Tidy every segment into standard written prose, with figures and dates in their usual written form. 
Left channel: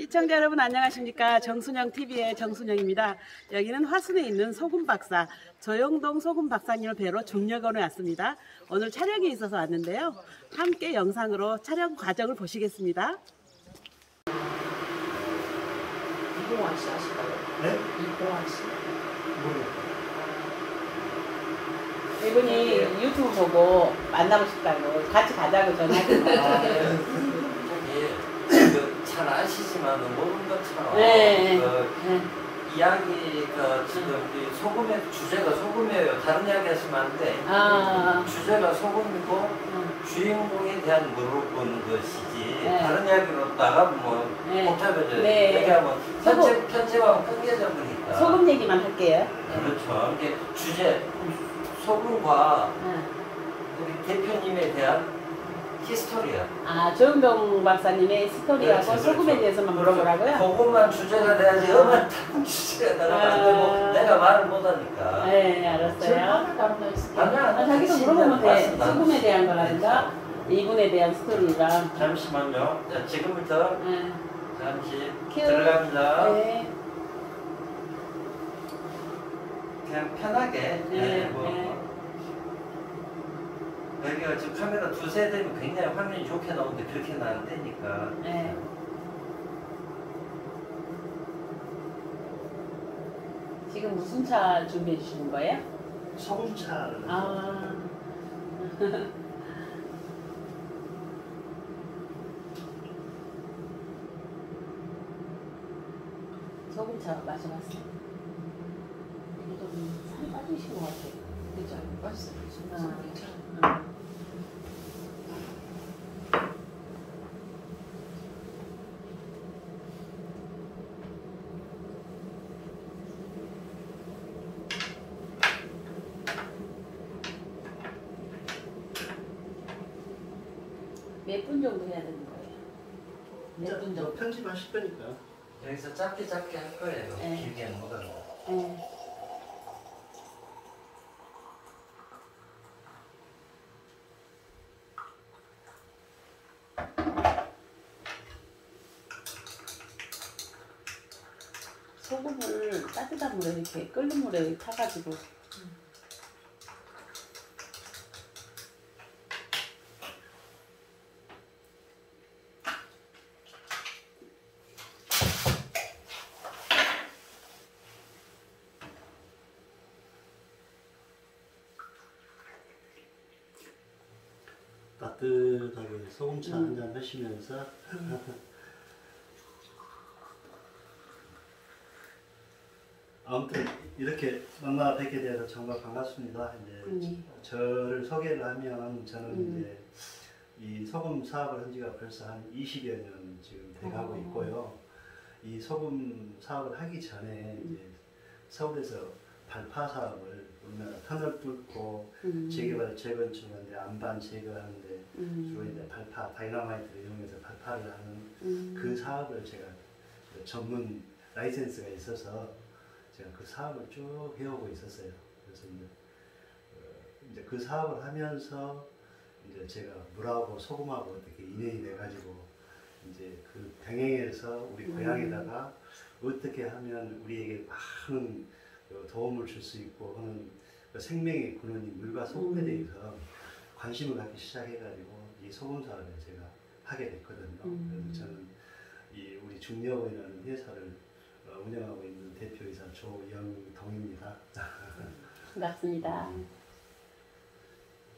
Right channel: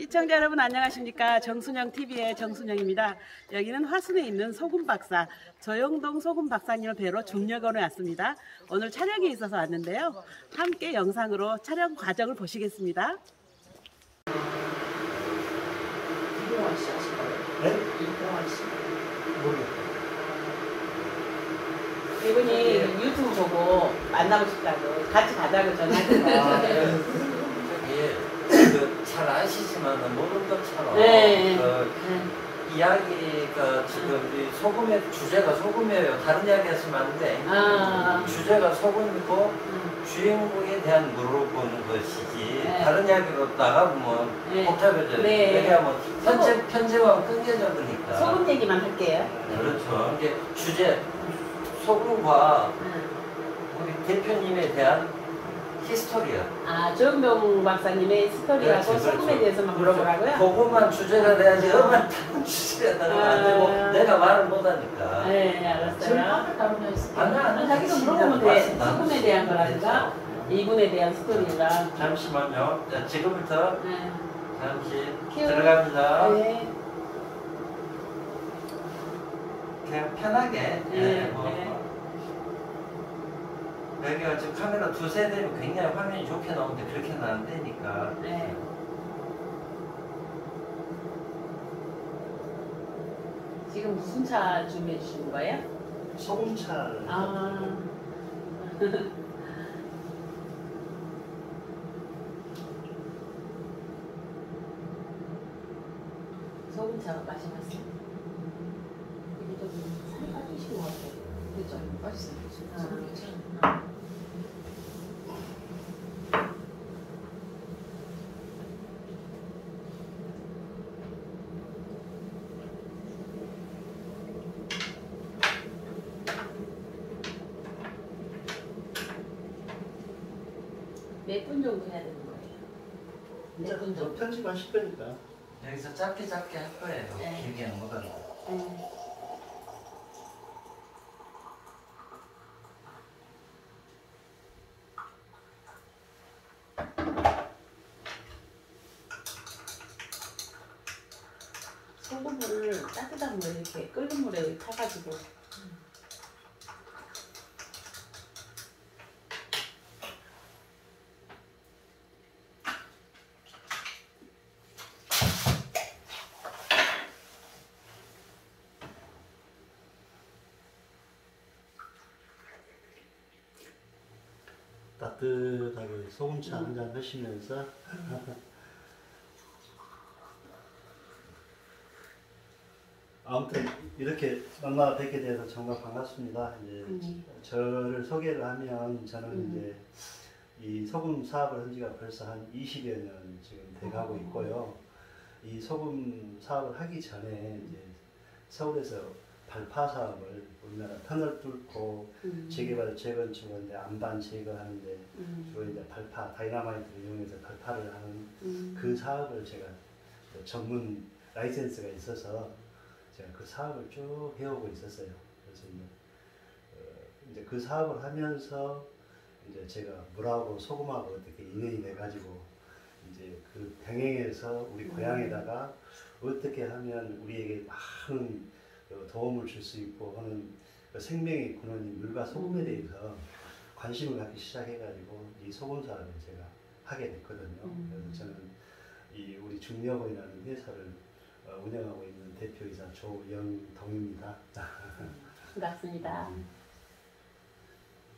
시청자 여러분 안녕하십니까. 정순영TV의 정순영입니다. 여기는 화순에 있는 소금박사 조영동 소금박사님을 뵈러 중력원에 왔습니다. 오늘 촬영이 있어서 왔는데요. 함께 영상으로 촬영 과정을 보시겠습니다. 이동환 씨 아실까요? 네? 이동환 씨. 모르겠어요. 이분이 유튜브 보고 만나고 싶다고 같이 가자고 전화했어요. 잘 아시지만 모든 것처럼 네. 이야기가 지금 이 소금의 주제가 소금이에요. 다른 이야기 하시면 안 돼. 주제가 소금이고 주인공에 대한 물어보는 것이지 다른 이야기로 나가면 복잡해져요. 그러니까 뭐 편집하면 끊겨져버리니까 소금 얘기만 할게요. 그렇죠. 이게 주제 소금과 우리 대표님에 대한 히스토리야. 조영동 박사님의 스토리하고 소금에 대해서만 물어보라고요? 그것만 주제가 돼야지 엄한 다른 주제가 나가면 안 되고 내가 말을 못하니까. 네, 알았어요. 자기도 진짜 물어보면 돼. 맞습니다. 소금에 대한 거라든가 이분에 대한 스토리가. 잠시만요. 자, 지금부터 잠시 들어갑니다. 네. 그냥 편하게. 여기가 지금 카메라 두세 대면 굉장히 화면이 좋게 나오는데 그렇게 나안 되니까. 네. 지금 무슨 차 준비해 주신 거예요? 소금차를. 소금차로 마셔봤어요. 이게 좀 빠지시고 왔어요. 그죠? 맛있어요. 괜찮아요. 몇 분 정도 해야 되는 거예요? 몇 분 정도? 편집하실 거니까. 여기서 짧게 할 거예요. 네. 길게는 못하고. 네. 소금을 따뜻한 물에 이렇게 끓는 물에 이렇게 타가지고 따뜻하게 소금차 한 잔 하시면서 아무튼 이렇게 만나 뵙게 돼서 정말 반갑습니다. 이제 저를 소개를 하면 저는 이제 이 소금 사업을 한 지가 벌써 한 20여 년 지금 돼가고 있고요. 이 소금 사업을 하기 전에 이제 서울에서 발파 사업을 우리나라 터널 뚫고 재개발 재건축하는데 안반 제거하는데 주로 이제 발파 다이너마이트를 이용해서 발파를 하는 그 사업을 제가 전문 라이센스가 있어서 제가 그 사업을 쭉 해오고 있었어요. 그래서 이제 그 사업을 하면서 이제 제가 물하고 소금하고 어떻게 인연이 돼가지고 이제 그 병행해서 우리 고향에다가 어떻게 하면 우리에게 많은 도움을 줄 수 있고 하는 그 생명의 근원인 물과 소금에 대해서 관심을 갖기 시작해가지고 이 소금 사업을 제가 하게 됐거든요. 그래서 저는 이 우리 중력원이라는 회사를 운영하고 있는 대표이사 조영동입니다. 반갑습니다.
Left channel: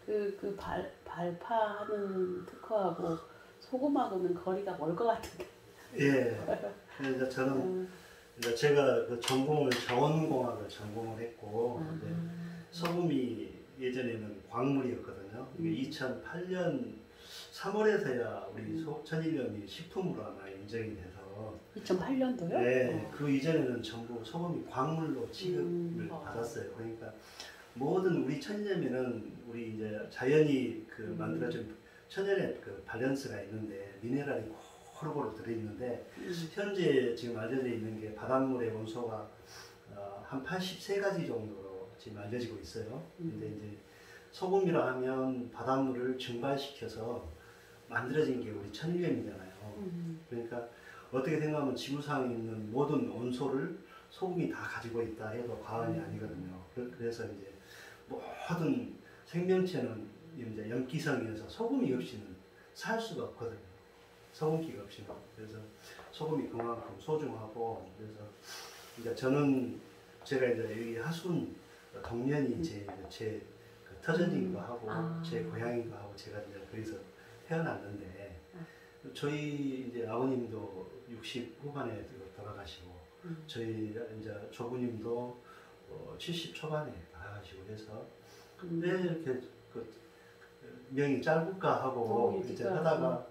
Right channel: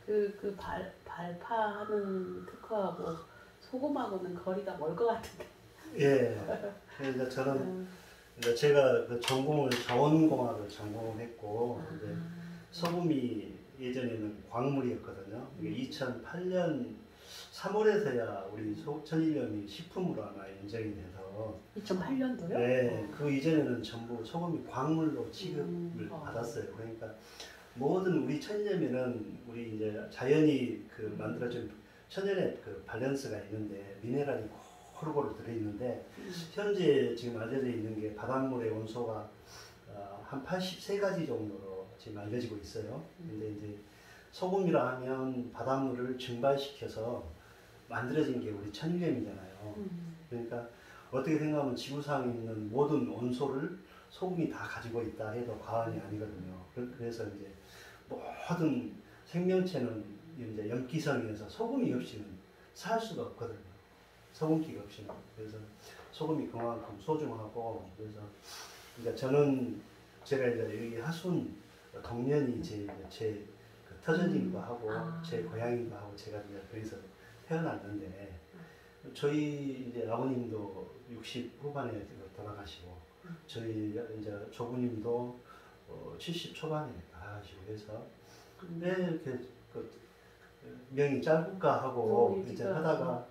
그 발파하는 특허하고 소금하고는 거리가 멀 것 같은데. 예. 그래서 저는 이제 제가 그 전공을 자원공학을 전공을 했고 이제 소금이 예전에는 광물이었거든요. 이게 2008년 3월에서야 우리 천일염이 식품으로 아마 인정이 돼서 2008년도요? 네, 그 이전에는 전부 소금이 광물로 취급을 받았어요. 그러니까 모든 우리 천일염에는 우리 이제 자연이 그 만들어준 천연의 그 밸런스가 있는데 미네랄이 고루고루 들어있는데 현재 지금 알려져 있는 게 바닷물의 원소가 한 83가지 정도로 지금 알려지고 있어요. 근데 이제 소금이라 하면 바닷물을 증발시켜서 만들어진 게 우리 천일염이잖아요. 그러니까 어떻게 생각하면 지구상에 있는 모든 온소를 소금이 다 가지고 있다 해도 과언이 아니거든요. 그래서 이제 모든 생명체는 이제 염기성이어서 소금이 없이는 살 수가 없거든요. 소금기가 없이는. 그래서 소금이 그만큼 소중하고, 그래서 그러니까 제가 이제 여기 하순 동년이 제 그 터전이기도 하고 제 고향이기도 하고, 제가 이제 거기서 태어났는데, 저희 이제 아버님도 60 후반에 돌아가시고, 저희 이제 조부님도 70 초반에 돌아가시고 해서 왜 이렇게 그 명이 짧을까 하고 이제 하다가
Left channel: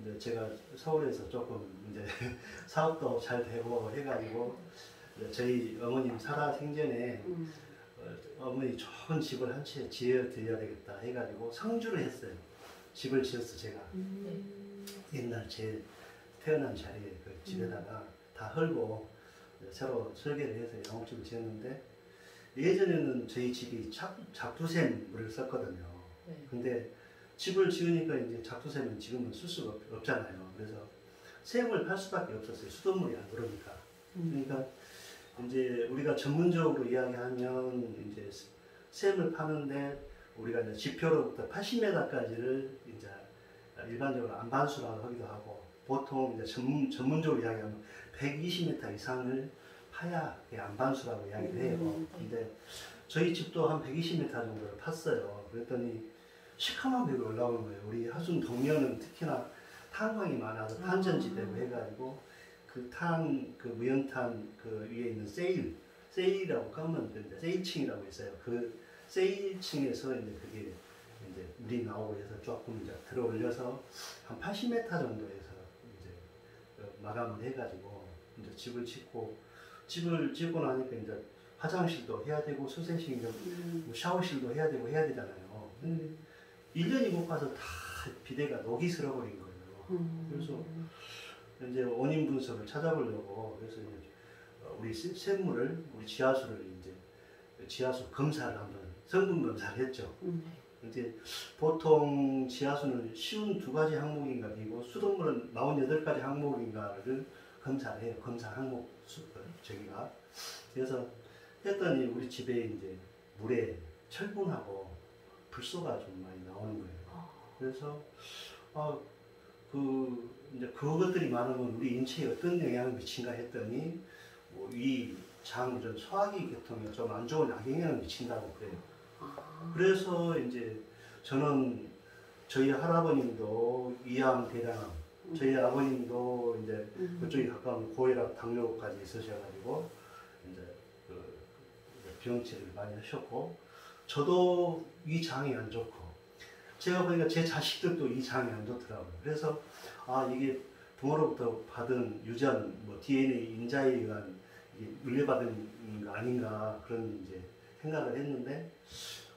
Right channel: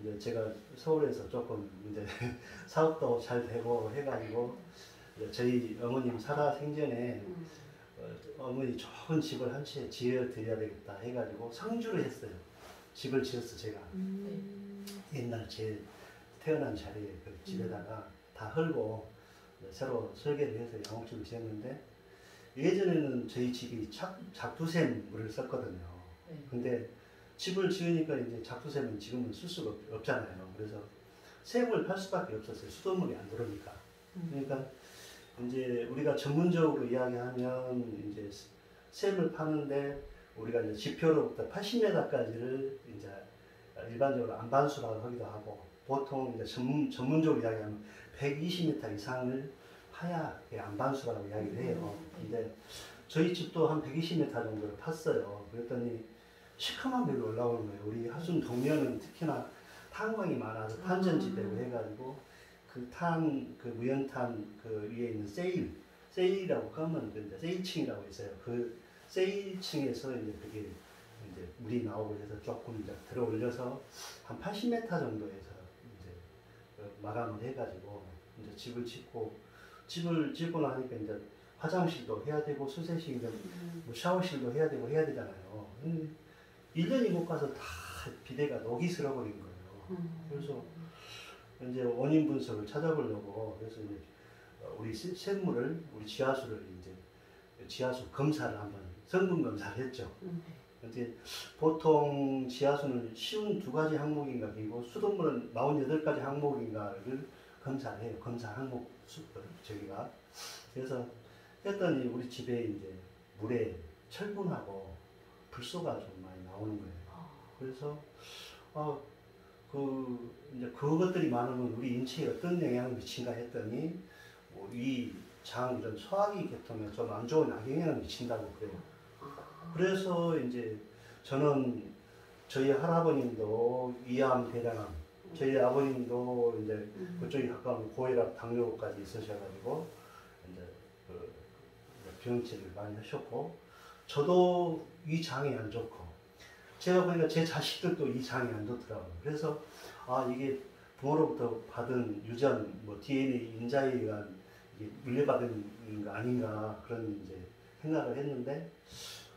이제 제가 서울에서 조금 이제 사업도 잘 되고 해가지고 이제 저희 어머님 살아 생전에 어머니 좋은 집을 한 채 지어 드려야 되겠다 해가지고 성주를 했어요. 집을 지었어 제가. 옛날 제 태어난 자리에 그 집에다가 다 헐고 새로 설계를 해서 양옥집을 지었는데, 예전에는 저희 집이 작두샘물을 썼거든요. 근데 집을 지으니까 이제 작두샘은 지금은 쓸 수가 없잖아요. 그래서 샘을 팔 수밖에 없었어요. 수돗물이 안 들어오니까. 그러니까 이제 우리가 전문적으로 이야기하면 이제 샘을 파는데 우리가 이제 지표로부터 80m까지를 이제 일반적으로 안반수라고 하기도 하고, 보통 이제 전문적으로 이야기하면 120m 이상을 파야 안반수라고 이야기를 해요. 근데 저희 집도 한 120m 정도를 팠어요. 그랬더니 시커먼 벽이 올라오는 거예요. 우리 하순 동면은 특히나 탄광이 많아서 탄전지대고 해가지고 그 무연탄 그 위에 있는 세일이라고 까면 이제 세일층이라고 있어요. 그 세일층에서 이제 그게 이제 물이 나오고 해서 조금 이제 들어 올려서 한 80m 정도에서 이제 마감을 해가지고 이제 집을 짓고 나니까 이제 화장실도 해야 되고 수세식이든 뭐 샤워실도 해야 되고 해야 되잖아요. 1년이 못 가서 다 비대가 녹이 슬어버린 거예요. 그래서 이제 원인 분석을 찾아보려고, 그래서 이제 우리 샘물을, 우리 지하수를 이제 지하수 검사를 한번 성분 검사를 했죠. 이제 보통 지하수는 쉬운 2가지 항목인가, 그리고 수돗물은 48가지 항목인가를 검사를 해요. 검사 항목 저기가. 그래서 했더니 우리 집에 이제 물에 철분하고 불소가 좀 많이 나오는 거예요. 그래서 이제 그것들이 많으면 우리 인체에 어떤 영향을 미친가 했더니 뭐 위, 장 이런 소화기 계통에 좀 안 좋은 악영향을 미친다고 그래요. 그래서 이제 저는 저희 할아버님도 위암, 대장암, 저희 아버님도 이제 그쪽에 가까운 고혈압, 당뇨까지 있으셔가지고 이제 병치를 많이 하셨고, 저도 이 장이 안 좋고, 제가 보니까 제 자식들도 이 장이 안 좋더라고요. 그래서 이게 부모로부터 받은 유전, 뭐 DNA 인자에 의한 이게 물려받은 거 아닌가, 그런 이제 생각을 했는데,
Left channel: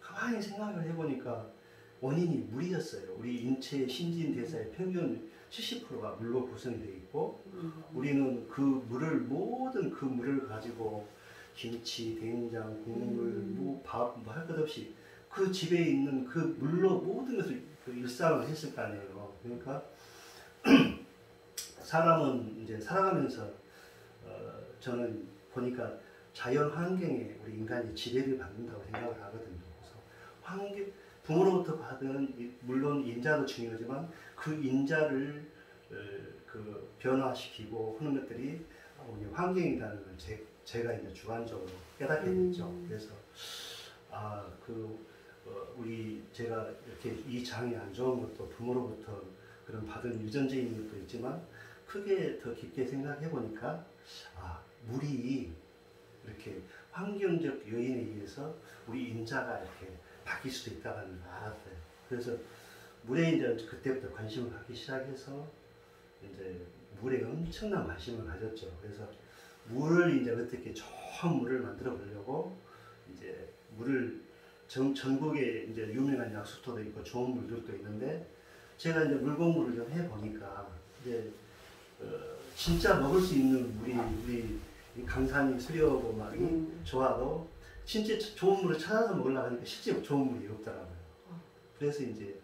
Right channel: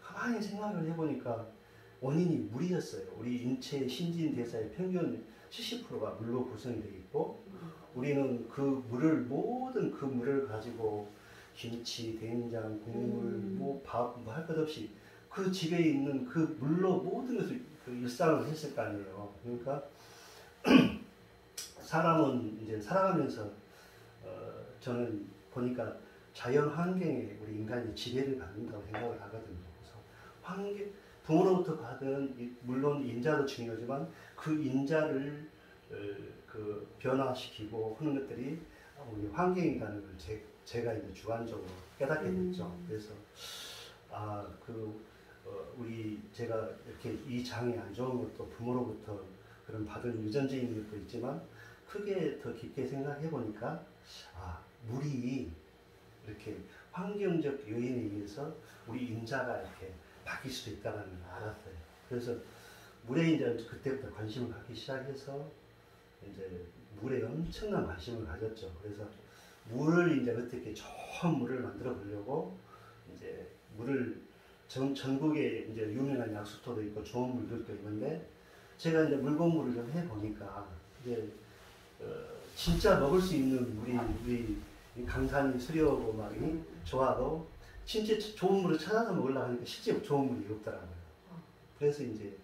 가만히 생각을 해보니까 원인이 물이었어요. 우리 인체의 신진대사의 평균 70%가 물로 구성이 되어 있고, 우리는 모든 그 물을 가지고 김치, 된장, 국물, 뭐 밥, 뭐 할 것 없이 그 집에 있는 그 물로 모든 것을 그 일상을 했을 거 아니에요. 그러니까 사람은 이제 살아가면서 저는 보니까 자연 환경에 우리 인간이 지배를 받는다고 생각을 하거든요. 그래서 부모로부터 받은 물론 인자도 중요하지만 그 인자를 그 변화시키고 하는 것들이 환경이라는 걸 제가 이제 주관적으로 깨닫게 됐죠. 그래서 제가 이렇게 이 장이 안 좋은 것도 부모로부터 그런 받은 유전적인 것도 있지만, 크게 더 깊게 생각해 보니까 물이 이렇게 환경적 요인에 의해서 우리 인자가 이렇게 바뀔 수도 있다는 걸 알았어요. 그래서 물에 이제 그때부터 관심을 갖기 시작해서 이제 물에 엄청난 관심을 가졌죠. 그래서 물을 이제 어떻게 좋은 물을 만들어 보려고 이제 물을 전국에 이제 유명한 약수터도 있고 좋은 물들도 있는데, 제가 이제 물 공부를 좀 해 보니까 이제 진짜 먹을 수 있는 물이 우리 강산이 수려하고 막 좋아도 진짜 좋은 물을 찾아서 먹으려고 하니까 실제 좋은 물이 없더라고요. 그래서 이제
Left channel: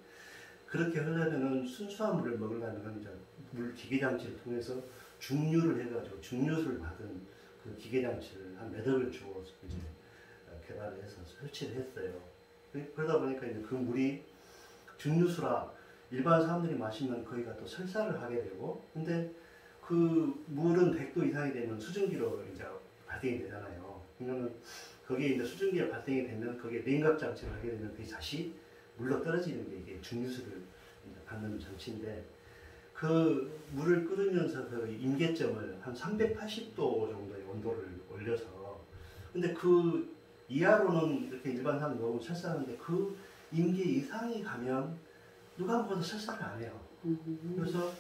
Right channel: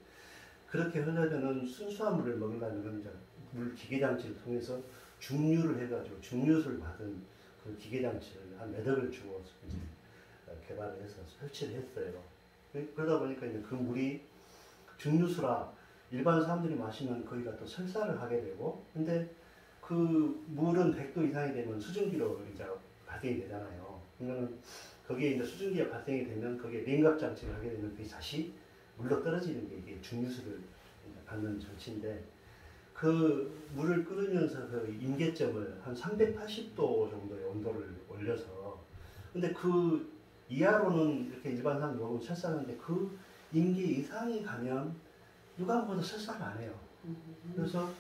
그렇게 하려면은 순수한 물을 먹으려면 이제 물 기계 장치를 통해서 중류를 해가지고 중류수를 받은 그 기계장치를 한 몇 억을 주고 이제 개발을 해서 설치를 했어요. 그러다 보니까 이제 그 물이 중류수라 일반 사람들이 마시면 거기가 또 설사를 하게 되고, 근데 그 물은 100도 이상이 되면 수증기로 이제 발생이 되잖아요. 그러면 거기에 이제 수증기가 발생이 되면 거기에 냉각 장치를 하게 되면 그게 다시 물로 떨어지는 게 이게 중류수를 이제 받는 장치인데, 그 물을 끓으면서 그 임계점을 한 380도 정도의 온도를 올려서, 근데 그 이하로는 이렇게 일반 사람 먹으면 설사하는데 그 임계 이상이 가면 누가 먹어도 설사를 안 해요. 그래서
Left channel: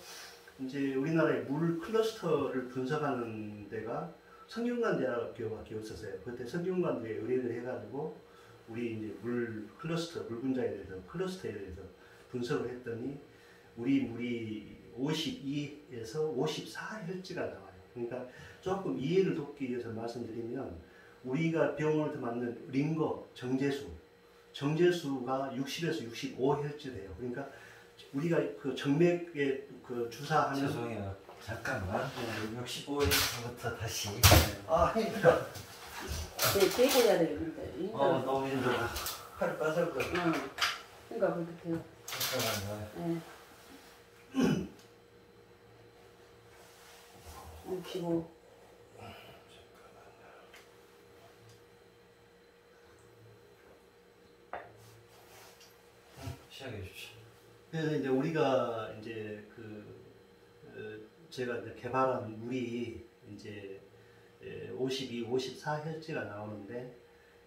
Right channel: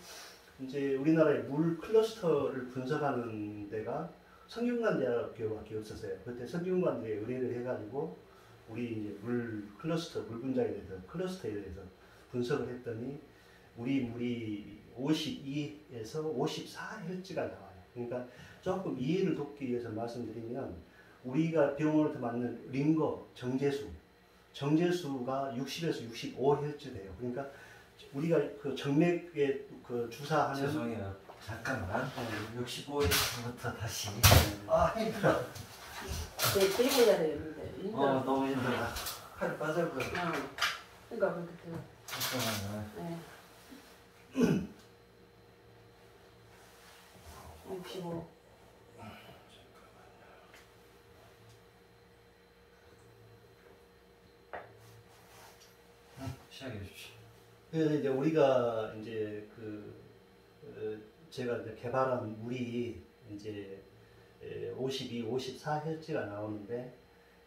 이제 우리나라의 물 클러스터를 분석하는 데가 성균관대학교밖에 없었어요. 그때 성균관대에 의뢰를 해가지고 우리 이제 물 클러스터, 물 분자에 대해서 클러스터에 대해서 분석을 했더니 우리 물이 52에서 54Hz가 나와요. 그러니까 조금 이해를 돕기 위해서 말씀드리면, 우리가 병원에서 맞는 링거, 정제수가 60에서 65Hz 돼요. 그러니까 우리가 그 정맥에 그 주사하는, 죄송해요. 잠깐만. 65일부터 다시. 아 힘들어. 네, 깨야 되는데. 너무 힘들어. 팔 빠져버려. 그러니까 그렇게. 잠깐만요. 네. 65. 시작해 주십시오. 그래서 이제 우리가 이제 제가 이제 개발한 물이 이제 52, 54Hz가 나오는데,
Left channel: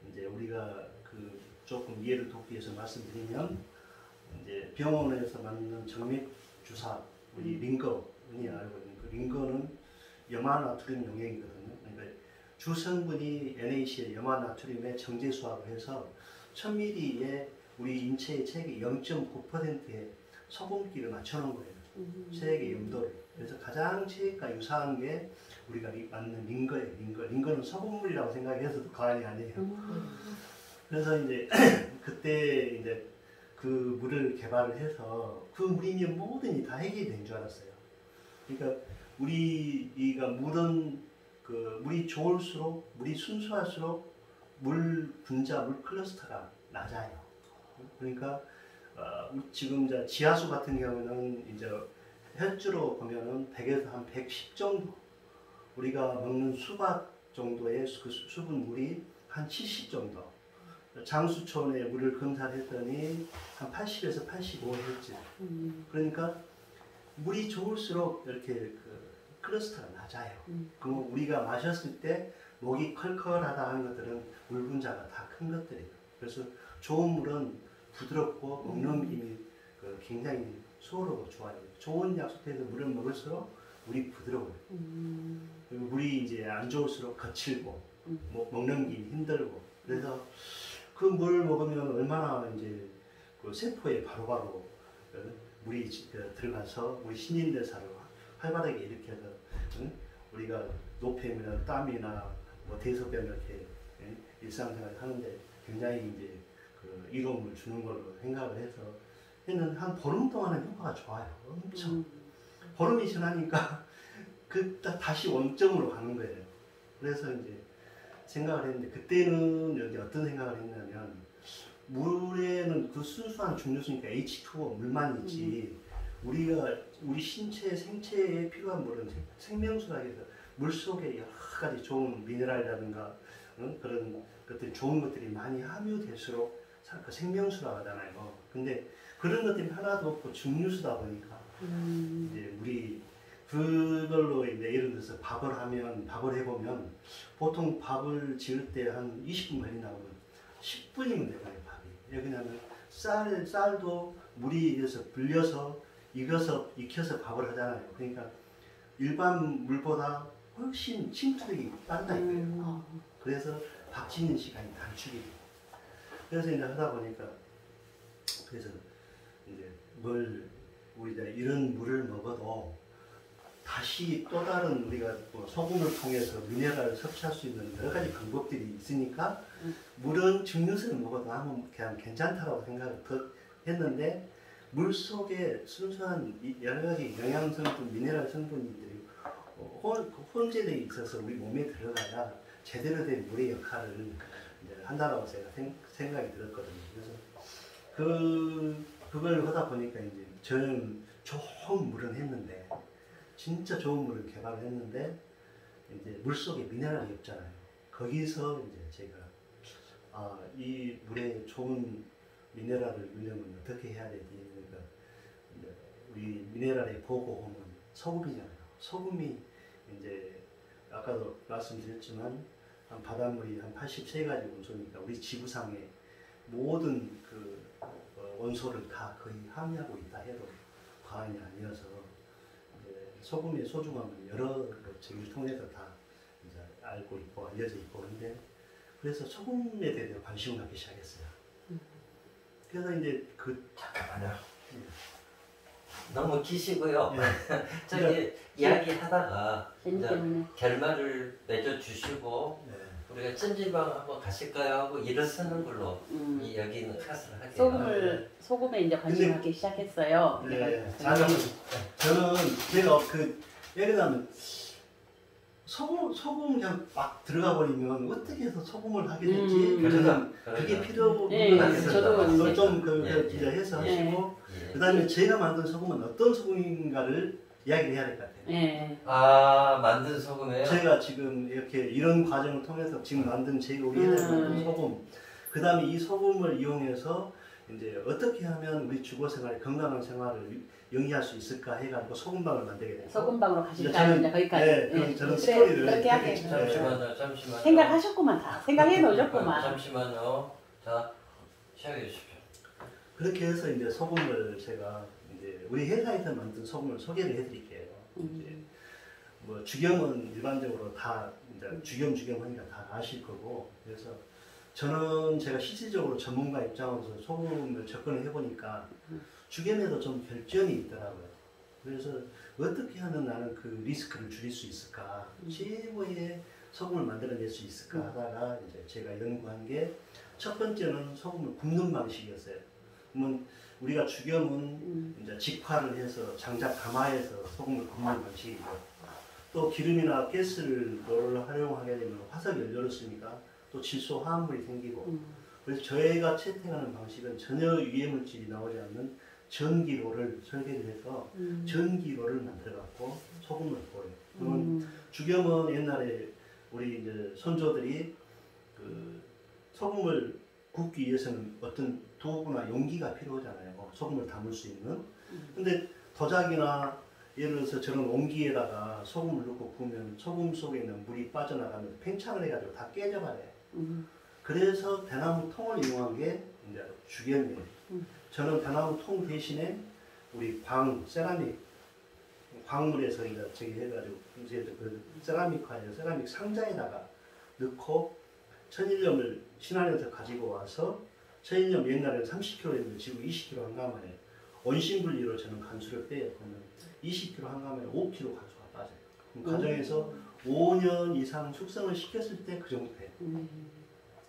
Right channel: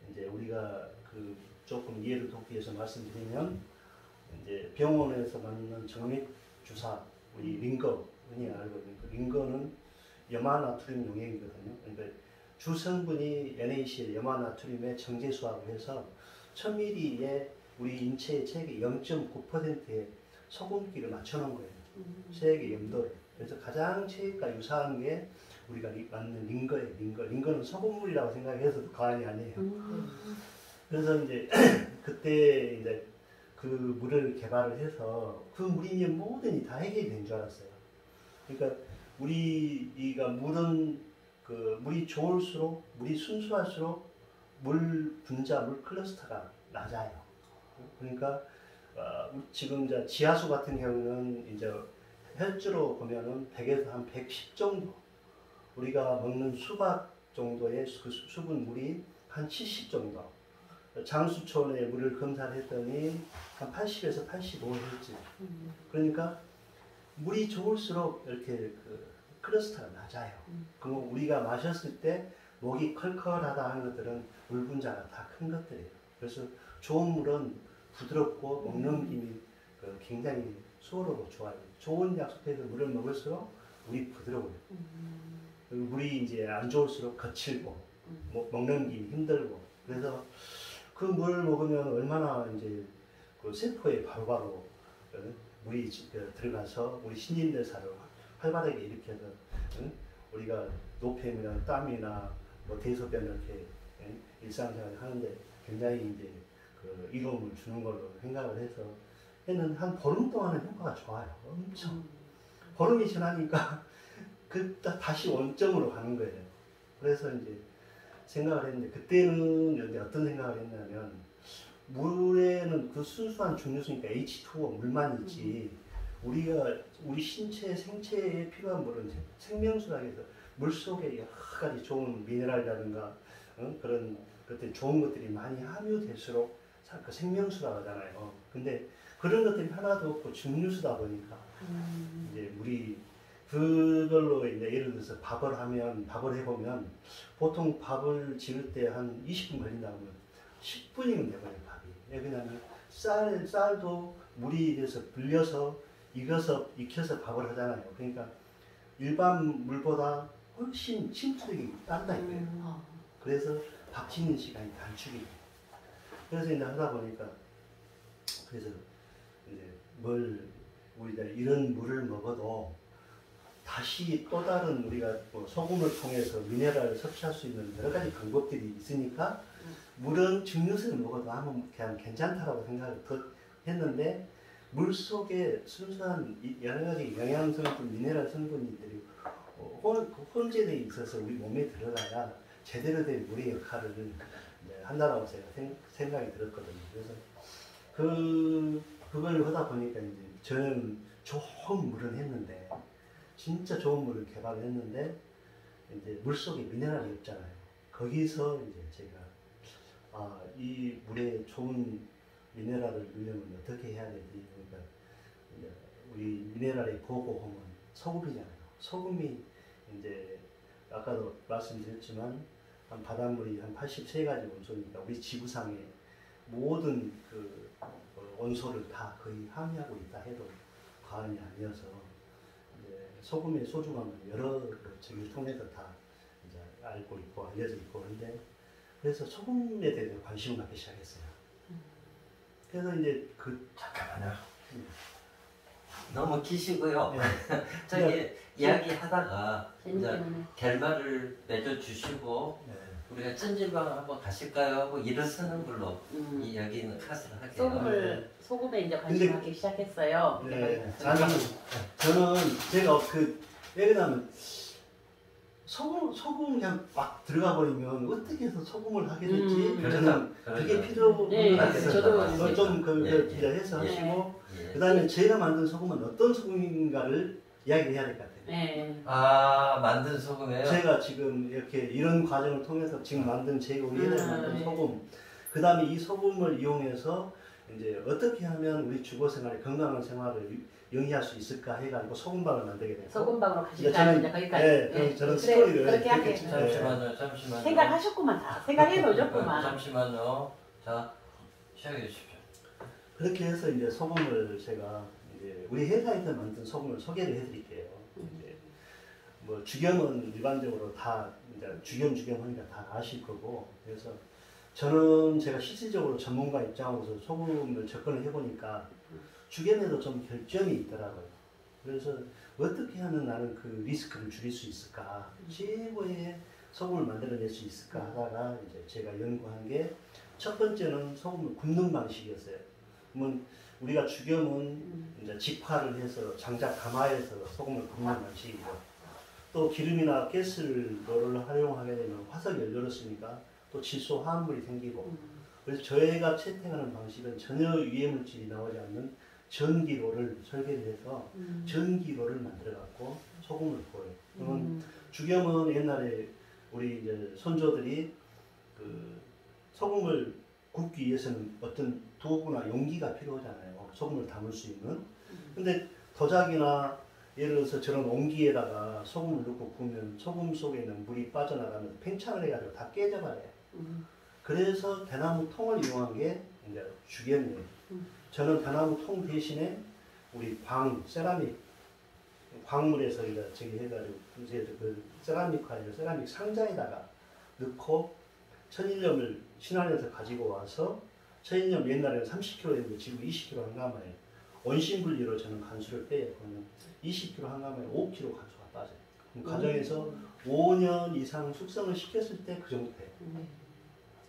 이제 우리가 그 조금 이해를 돕기 위해서 말씀드리면, 이제 병원에서 맞는 정맥 주사, 우리 링거, 흔히 알고 있는 그 링거는 염화나트륨 용액이거든요. 그러니까 주성분이 NaCl, 염화나트륨의 정제수하고 해서 1000ml에 우리 인체의 체액의 0.9%의 소금기를 맞춰놓은 거예요. 체액의 염도를. 그래서 가장 체액과 유사한 게 우리가 맞는 링거예요. 링거는 소금물이라고 생각해서도 과언이 아니에요. 그래서 이제 그때 이제 그 물을 개발을 해서 그 물이면 뭐든지 다 해결이 된 줄 알았어요. 그러니까 우리가 물이 좋을수록, 물이 순수할수록 물 분자, 물 클러스터가 낮아요. 그러니까 지금 이제 지하수 같은 경우는 이제 혈주로 보면은 100에서 한 110 정도, 우리가 먹는 수박 정도의 그 수분물이 한 70 정도, 장수촌의 물을 검사를 했더니 한 80에서 85Hz. 그러니까 물이 좋을수록 이렇게 그 클러스터가 낮아요. 그럼 우리가 마셨을 때 목이 컬컬하다 하는 것들은 물 분자가 다 큰 것들이에요. 그래서 좋은 물은 부드럽고 먹넘김이 굉장히 수월하고 좋아요. 좋은 약속해서 물을 먹을수록 물이 부드러워요. 그리고 물이 이제 안 좋을수록 거칠고 먹넘김이 힘들고, 그래서 그 물을 먹으면 얼마나 이제 그 세포에 바로바로 물이 들어가서 우리 신진대사를 활발하게 일으켜서 우리가 노폐물이나 땀이나 뭐 대소변 이렇게 일상생활을 하는데 굉장히 이제 그 이로움을 주는 걸로 생각을 해서 했는데, 한 보름 동안은 효과가 좋아요. 엄청. 보름이 지나니까 다시 원점으로 가는 거예요. 그래서 이제 생각을 했는데, 그때는 여기 어떤 생각을 했냐면, 물에는 그 순수한 중류수니까 H2O 물만 있지, 우리 신체 생체에 필요한 물은 생명수라 해서 물 속에 여러 가지 좋은 미네랄이라든가 그런 것들이 좋은 것들이 많이 함유될수록 그 생명수라고 하잖아요. 근데 그런 것들이 하나도 없고 중류수다 보니까 이제 물이 그걸로 이제 예를 들어서 밥을 해보면 보통 밥을 지을 때 한 20분 걸린다고 하면 10분이면 되거든요, 밥이. 왜냐면 쌀도 물이 돼서 불려서 익혀서 밥을 하잖아요. 그러니까 일반 물보다 훨씬 침투력이 빠르다 이거예요. 그래서 밥 짓는 시간이 단축이 돼요. 그래서 이제 하다 보니까, 그래서 이제 우리가 이런 물을 먹어도 다시 또 다른 우리가 뭐 소금을 통해서 미네랄을 섭취할 수 있는 여러 가지 방법들이 있으니까 물은 증류수를 먹어도 아무 그냥 괜찮다라고 생각을 했는데, 물 속에 순수한 여러 가지 영양 성분, 미네랄 성분들이 혼재에 있어서 우리 몸에 들어가야 제대로 된 물의 역할을 이제 한다라고 제가 생각이 들었거든요. 그래서 그걸 하다 보니까 이제 저는 좋은 물은 했는데, 진짜 좋은 물을 개발을 했는데, 이제 물 속에 미네랄이 없잖아요. 거기서 이제 제가 이 물에 좋은 미네랄을 유려면 어떻게 해야 되지? 그러니까 이제 우리 미네랄의 보고홈은 소금이잖아요. 소금이 이제 아까도 말씀드렸지만 한 바닷물이 한 83가지 원소니까 우리 지구상의 모든 그 원소를 다 거의 함유하고 있다 해도 과언이 아니어서 이제 소금의 소중함을 여러 저기를 통해서 다 이제 알고 있고 알려져 있고 그런데 그래서 소금에 대해 관심을 갖기 시작했어요. 그래서 이제 잠깐만요. 예. 너무 기시고요. 예. 저기 이야기하다가 이제 재밌겠네. 결말을 맺어주시고 네. 우리가 찜질방 한번 가실까요? 하고 일어서는 걸로 이 여기는 탓을 할게요. 소금에 이제 근데- 관심하기 시작했어요. 네. 아니 저는 제가 왜냐면 소금 그냥 막 들어가 버리면 어떻게 해서 소금을 하게 됐지? 저는 그게 필요한 네, 것 같아서 저도 그걸 좀 예, 이제 해서 예. 하시고 예. 그다음에 제가 만든 소금은 어떤 소금인가를 이야기를 해야 될 것 같아요. 네. 만든 소금이에요? 제가 지금 이렇게 이런 과정을 통해서 지금 만든 우리 회사에 만든 소금, 그 다음에 이 소금을 이용해서 이제 어떻게 하면 우리 주거 생활에 건강한 생활을 영위할 수 있을까 해가지고 소금방을 만들게 됐고. 소금방으로 이제 가실까요? 이제 거기까지. 네, 저는 스토리를 그렇게 하게. 네. 잠시만요. 생각하셨구만. 다. 생각해 놓으셨구만. 잠시만요. 자, 시작해 주십시오. 그렇게 해서 이제 소금을 제가 이제 우리 회사에서 만든 소금을 소개를 해드릴게요. 이제 뭐 주겸은 일반적으로 다 이제 주겸 하니까 다 아실 거고 그래서 저는 제가 실질적으로 전문가 입장으로서 소금을 접근을 해보니까 주겸에도 좀 결점이 있더라고요. 그래서 어떻게 하면 나는 그 리스크를 줄일 수 있을까, 최고의 소금을 만들어낼 수 있을까 하다가 이제 제가 연구한 게 첫 번째는 소금을 굽는 방식이었어요. 그러면 우리가 주겸은 이제 직화를 해서 장작 가마에서 소금을 굽는 방식이고 또 기름이나 가스를 활용하게 되면 화석 연료를 쓰니까 또 질소 화합물이 생기고 그래서 저희가 채택하는 방식은 전혀 유해 물질이 나오지 않는 전기로를 설계를 해서 전기로를 만들어 갖고 소금을 구워요. 그러면 주겸은 옛날에 우리 이제 손조들이 그 소금을 굽기 위해서는 어떤 도구나 용기가 필요하잖아요. 소금을 담을 수 있는. 근데 도자기나 예를 들어서 저런 옹기에다가 소금을 넣고 구우면 소금 속에 있는 물이 빠져나가면 팽창을 해가지고 다 깨져버려요. 그래서 대나무 통을 이용한 게 이제 주겸이에요. 저는 대나무 통 대신에 우리 세라믹 광물에서 이제 저기 해가지고 이제 그 세라믹 상자에다가 넣고 천일염을 신안에서 가지고 와서 천일염 옛날에는 30kg였는데 지금 20kg 한 가마예요. 원심분리로 저는 간수를 빼요. 그러면 20kg 한 가마에 5kg 간수가 빠져요. 그럼 가정에서 5년 이상 숙성을 시켰을 때 그 정도 돼요.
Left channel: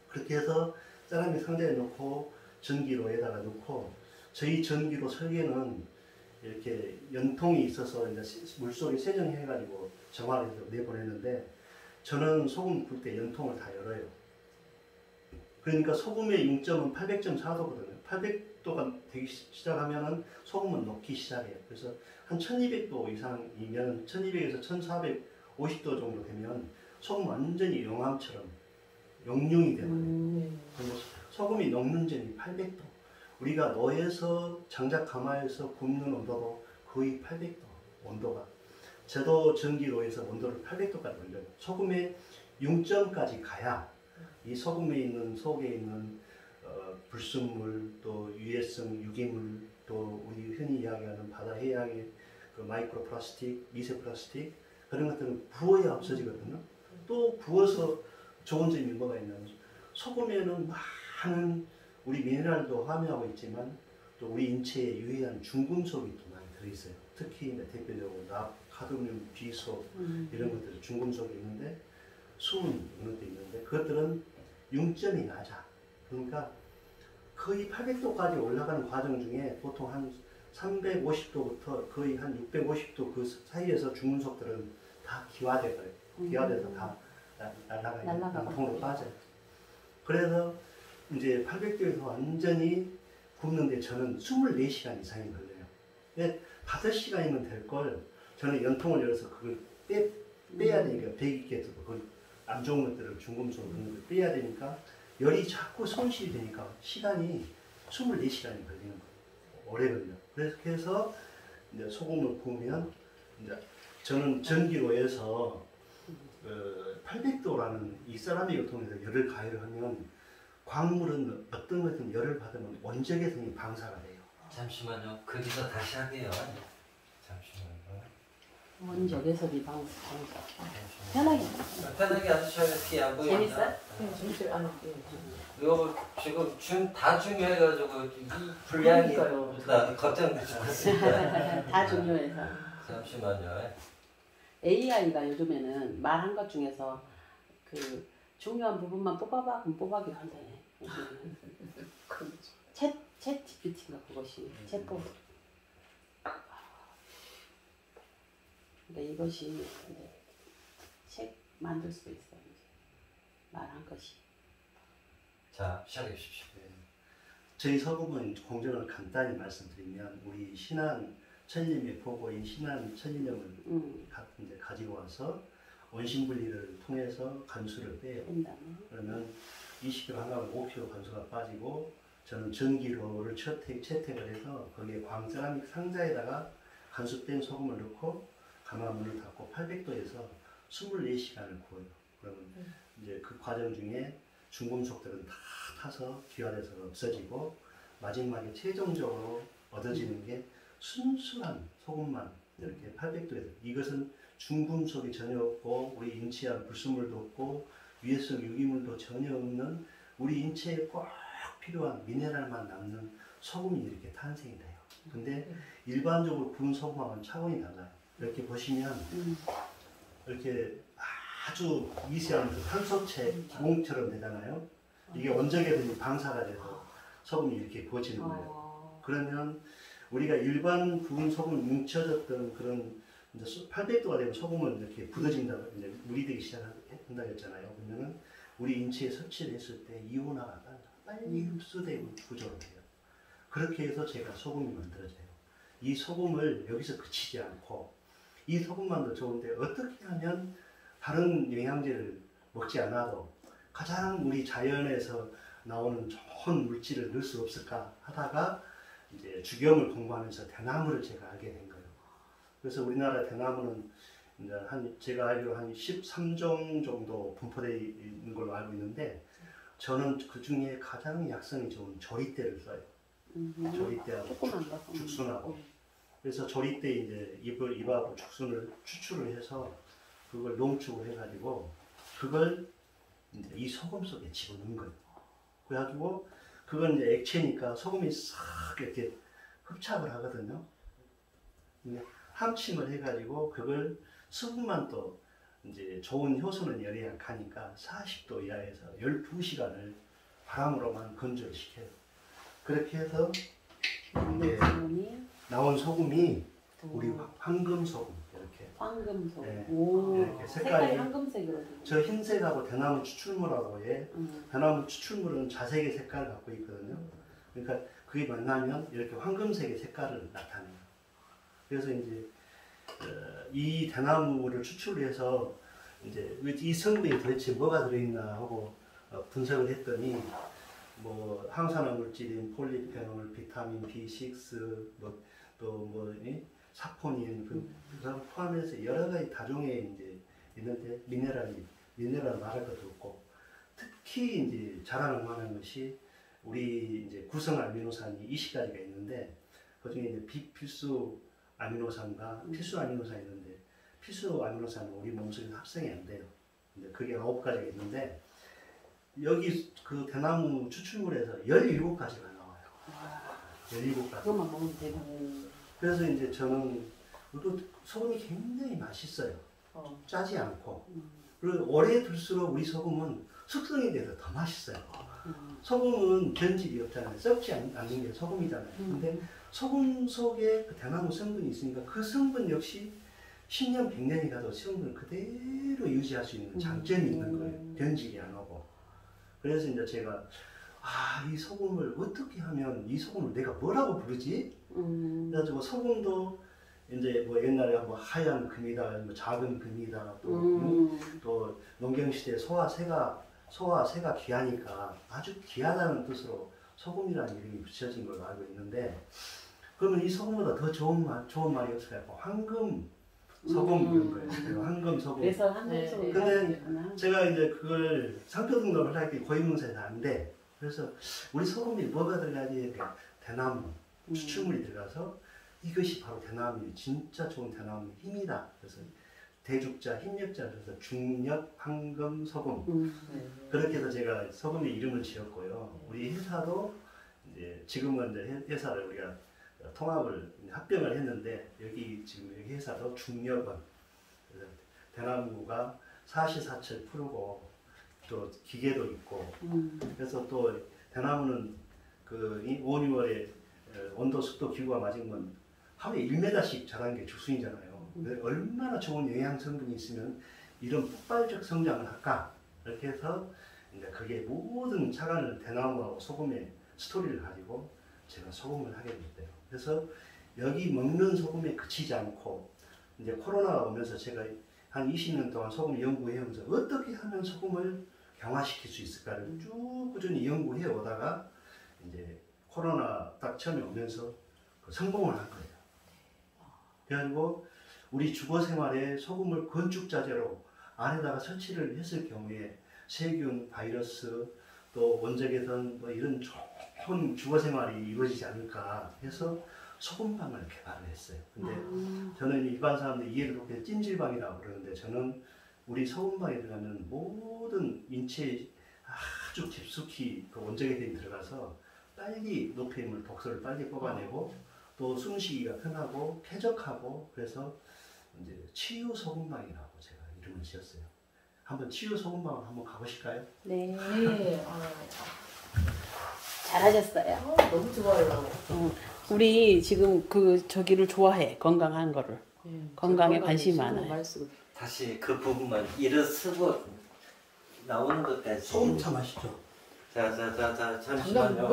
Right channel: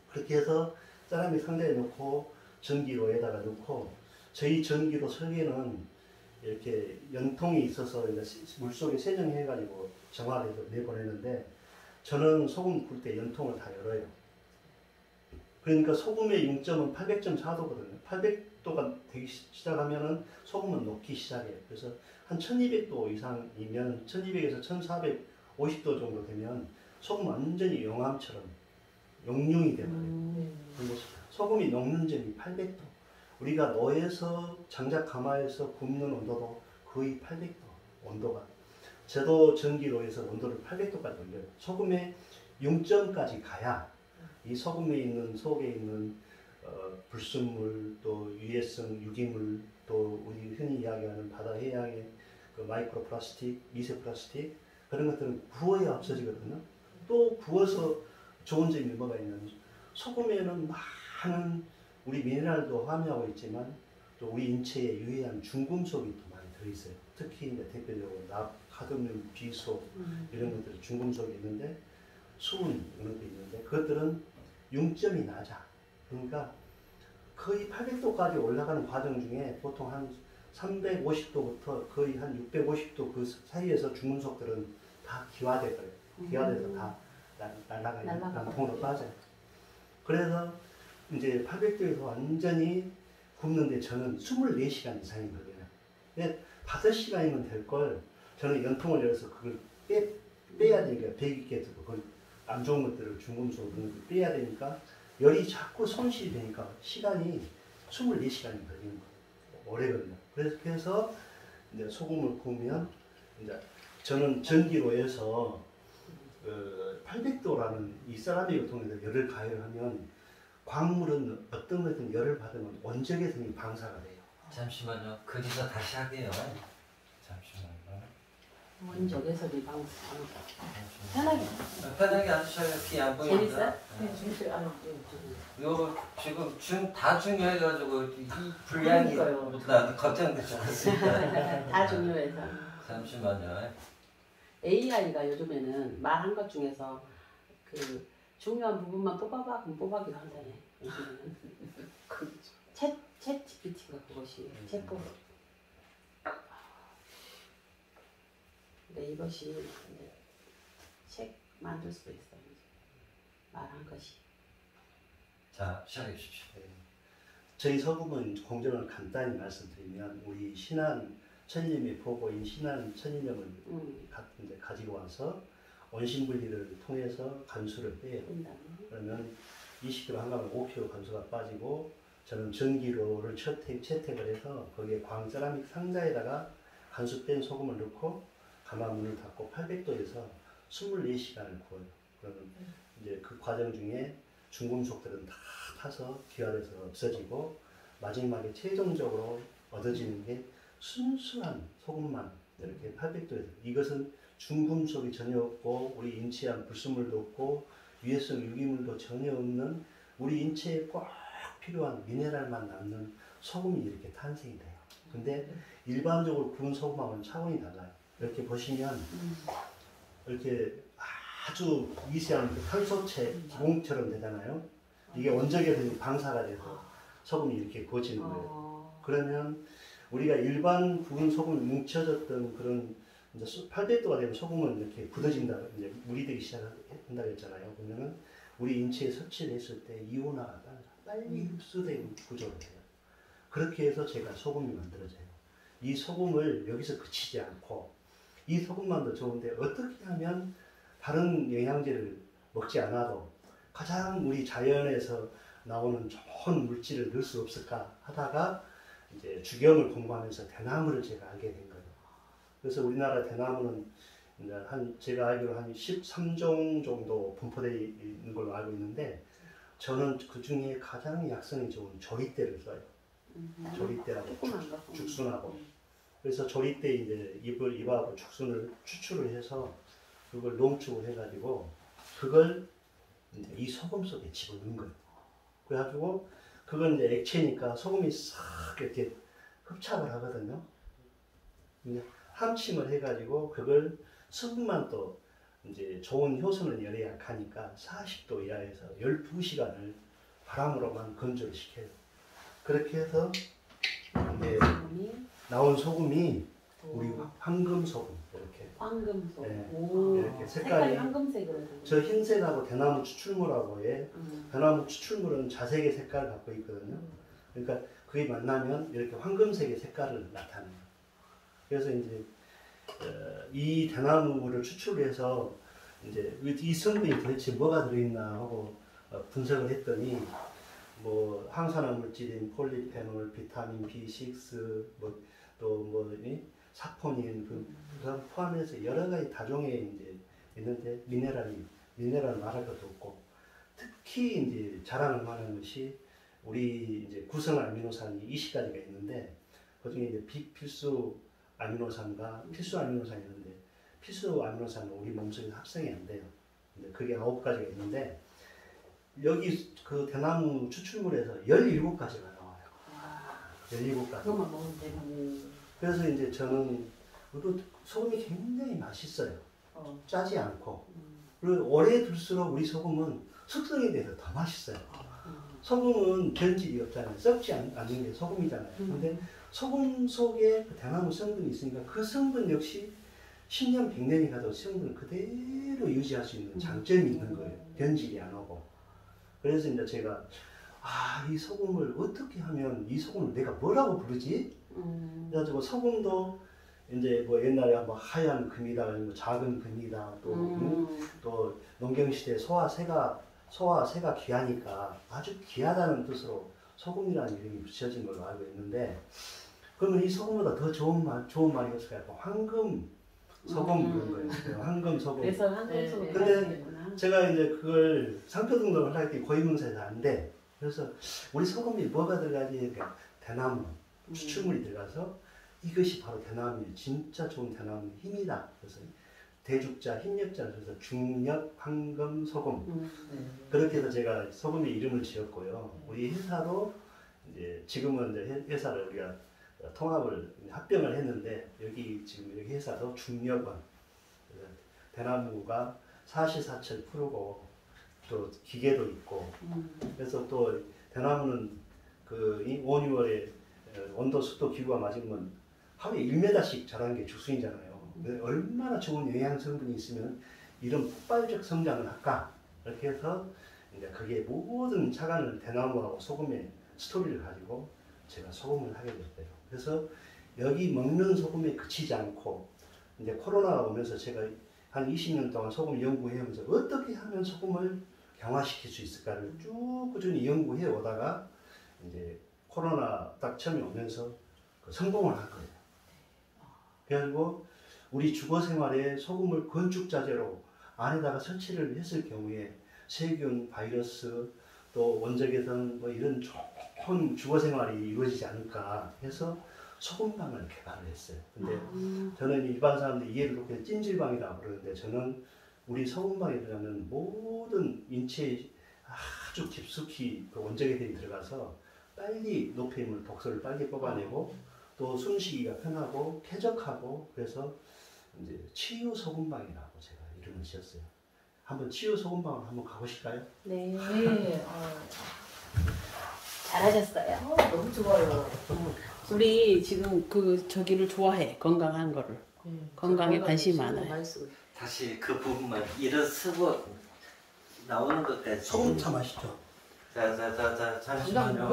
그렇게 해서 세라믹 상자에 넣고 전기로에다가 넣고 저희 전기로 설계는 이렇게 연통이 있어서 이제 물속에 세정해가지고 정화를 해서 내보내는데 저는 소금 굴 때 연통을 다 열어요. 그러니까 소금의 융점은 800.4도거든요. 800도가 되기 시작하면은 소금은 녹기 시작해요. 그래서 한 1200도 이상이면 1200에서 1450도 정도 되면 소금 완전히 용암처럼 용융이 되거든요. 그러니까 소금이 녹는 점이 800도. 우리가 노에서 장작 가마에서 굽는 온도도 거의 800도 온도가. 저도 전기로에서 온도를 800도까지 올려요. 소금의 융점까지 가야 이 소금에 있는 속에 있는 불순물 또 유해성 유기물 또 우리 흔히 이야기하는 바다 해양의 그 마이크로 플라스틱, 미세 플라스틱 그런 것들은 구워야 없어지거든요. 또 구워서 좋은 점이 뭐가 있냐면 소금에는 많은 우리 미네랄도 함유하고 있지만 또 우리 인체에 유해한 중금속이 또 많이 들어있어요. 특히 이제 대표적으로 납, 카드뮴, 비소 이런 것들이 중금속이 있는데 수은 이런 것도 있는데 그것들은 융점이 낮아. 그러니까 거의 800도까지 올라가는 과정 중에 보통 한 350도부터 거의 한 650도 그 사이에서 중금속들은 다 기화돼 버려요. 기화돼서 다 날아가요. 날아가고. 난통으로 빠져요. 그래서 이제 800도에서 완전히 굽는데 저는 24시간 이상이 걸려요. 근데 5시간이면 될 걸 저는 연통을 열어서 그걸 빼야 되니까 배기계도 그걸 안 좋은 것들을 중금속 이런 것들 빼야 되니까 열이 자꾸 손실이 되니까 시간이 24시간이 걸리는 거예요. 오래 걸려. 그래서 이제 소금을 구우면 이제 저는 전기로 해서 800도라는 이 세라믹을 통해서 열을 가해를 하면 광물은 어떤 것든 열을 받으면 원적외선이 방사가 돼요. 잠시만요. 거기서 다시 할게요. 잠시만요. 원적외선이 방사. 잠시만요. 편하게. 편하게 하셔야 티 안 보입니다. 재밌어요? 네. 진실 아니 이거 지금 다 중요해가지고 이 분량이 나 걱정됐어요. 다 종료해서. 잠시만요. AI가 요즘에는 말한 것 중에서 그 중요한 부분만 뽑아봐 그럼 뽑아기로 한다네. 요즘에는. 챗 GPT가 그것이 챗봇. 근데 이것이 이제 책 만들 수 있어요. 말한 것이. 자, 시작해 주십시오. 저희 소금은 공정을 간단히 말씀드리면 우리 신안 천일염의 보고인 신안 천일염을 이제 가지고 와서 원심 분리를 통해서 간수를 빼요. 그러면 20kg 한 가면 5kg 간수가 빠지고 저는 전기로를 채택을 해서 거기에 광세라믹 상자에다가 간수 뺀 소금을 넣고 가마 문을 닫고 800도에서 24시간을 구워요. 그러면 이제 그 과정 중에 중금속들은 다 타서 기화돼서 없어지고 마지막에 최종적으로 얻어지는 게 순수한 소금만 이렇게 800도에서 이것은 중금속이 전혀 없고 우리 인체에 불순물도 없고 위해성 유기물도 전혀 없는 우리 인체에 꼭 필요한 미네랄만 남는 소금이 이렇게 탄생이 돼요. 근데 일반적으로 구운 소금하고는 차원이 달라요. 이렇게 보시면 이렇게 아주 미세한 그 탄소체 기공처럼 되잖아요. 이게 원적외선이 방사가 돼서 소금이 이렇게 구워지는 거예요. 그러면 우리가 일반 구운 소금 뭉쳐졌던 그런 이제 800도가 되면 소금은 이렇게 굳어진다고 이제 물이 되기 시작한다고 했잖아요. 그러면은 우리 인체에 섭취를 했을 때 이온화가 빨리 흡수되는 구조로 돼요. 그렇게 해서 제가 소금이 만들어져요. 이 소금을 여기서 그치지 않고 이 소금만도 좋은데 어떻게 하면 다른 영양제를 먹지 않아도 가장 우리 자연에서 나오는 좋은 물질을 넣을 수 없을까 하다가 이제 주경을 공부하면서 대나무를 제가 알게 된 거예요. 그래서 우리나라 대나무는 이제 제가 알기로 한 13종 정도 분포되어 있는 걸로 알고 있는데 저는 그 중에 가장 약성이 좋은 조리대를 써요. 조리대하고 죽순하고. 그래서 조리대 이제 잎하고 죽순을 추출을 해서 그걸 농축을 해가지고 그걸 이제 이 소금 속에 집어넣는 거예요. 그래가지고 그건 이제 액체니까 소금이 싹 이렇게 흡착을 하거든요. 함침을 해가지고 그걸 수분만 또 이제 좋은 효소는 열에 약하니까 40도 이하에서 12시간을 바람으로만 건조를 시켜요. 그렇게 해서 이제 나온 소금이 우리 황금 소금 이렇게. 황금소. 네. 오. 이렇게 색깔이 황금색으로. 저 흰색하고 대나무 추출물하고 해. 대나무 추출물은 자색의 색깔을 갖고 있거든요. 그러니까 그게 만나면 이렇게 황금색의 색깔을 나타내요. 그래서 이제 이 대나무를 추출해서 이제 이 성분이 도대체 뭐가 들어있나 하고 분석을 했더니 뭐 항산화 물질인 폴리페놀, 비타민 B6, 사포닌 그걸 포함해서 여러 가지 다종에 이제 있는데 미네랄 말할 것도 없고 특히 이제 자랑을 만한 것이 우리 이제 구성 아미노산이 20가지가 있는데 그중에 이제 비필수 아미노산과 필수 아미노산이 있는데 필수 아미노산은 우리 몸속에 합성이 안 돼요. 근데 그게 9가지가 있는데 여기 그 대나무 추출물에서 17가지가 나와요. 17가지. 그것만 먹으면 되고. 그래서 이제 저는 그리고 소금이 굉장히 맛있어요. 짜지 않고. 그리고 오래 둘수록 우리 소금은 숙성이 돼서 더 맛있어요. 소금은 변질이 없잖아요. 썩지 않는 게 소금이잖아요. 근데 소금 속에 그 대나무 성분이 있으니까 그 성분 역시 10년, 100년이 가도 성분을 그대로 유지할 수 있는 장점이 있는 거예요. 변질이 안 오고. 그래서 이제 제가 이 소금을 어떻게 하면 이 소금을 내가 뭐라고 부르지? 그래가지고 소금도 이제 뭐 옛날에 뭐 하얀 금이다, 아니면 작은 금이다, 또 농경시대 소화새가 귀하니까 아주 귀하다는 뜻으로 소금이라는 이름이 붙여진 걸로 알고 있는데, 그러면 이 소금보다 더 좋은 말이 없을까요? 황금 소금 이런 거예요. 황금 소금. 그래서 황금 소금. 근데 제가 이제 그걸 상표 등록을 할 때 고유명사에서 하는데, 그래서 우리 소금이 뭐가 들어가지? 그러니까 대나무 추출물이 들어가서 이것이 바로 대나무의 진짜 좋은 대나무의 힘이다. 그래서 대죽자, 힘력자, 그래서 중력, 황금, 소금. 그렇게 해서 제가 소금의 이름을 지었고요. 우리 회사도 이제 지금은 이제 회사를 우리가 통합을 합병을 했는데, 여기 지금 여기 회사도 중력원, 대나무가 사시사철 푸르고 또 기계도 있고, 그래서 또 대나무는 그 5, 6월에 온도 습도 기후가 맞으면 하루에 1m씩 자라는 게 죽순이잖아요. 얼마나 좋은 영양 성분이 있으면 이런 폭발적 성장을 할까? 이렇게 해서 이제 그게 모든 차관을 대나무하고 소금의 스토리를 가지고 제가 소금을 하게 됐어요. 그래서 여기 먹는 소금에 그치지 않고, 이제 코로나가 오면서 제가 한 20년 동안 소금 연구해 오면서 어떻게 하면 소금을 강화시킬 수 있을까를 쭉 꾸준히 연구해 오다가 이제 코로나 딱 처음에 오면서 성공을 한 거예요. 그래가지고 우리 주거 생활에 소금을 건축자재로 안에다가 설치를 했을 경우에 세균, 바이러스, 또 원적외선 뭐 이런 좋은 주거 생활이 이루어지지 않을까 해서 소금방을 개발을 했어요. 근데 저는 일반 사람들이 이해를 못해 찜질방이라고 그러는데, 저는 우리 소금방에 들어가면 모든 인체에 아주 깊숙이 그 원적외선이 들어가서 빨리 노폐물, 독소를 빨리 뽑아내고 또 숨쉬기가 편하고 쾌적하고, 그래서 이제 치유 소금방이라고 제가 이름을 지었어요. 한번 치유 소금방을 한번 가보실까요? 네. 네. 잘하셨어요. 너무 좋아요. 우리 지금 그 저기를 좋아해. 건강한 거를. 건강에 관심이 많아요. 다시 그 부분만 일어서고 나오는 것까지. 소금 참 맛있죠? 자, 장난 잠시만요.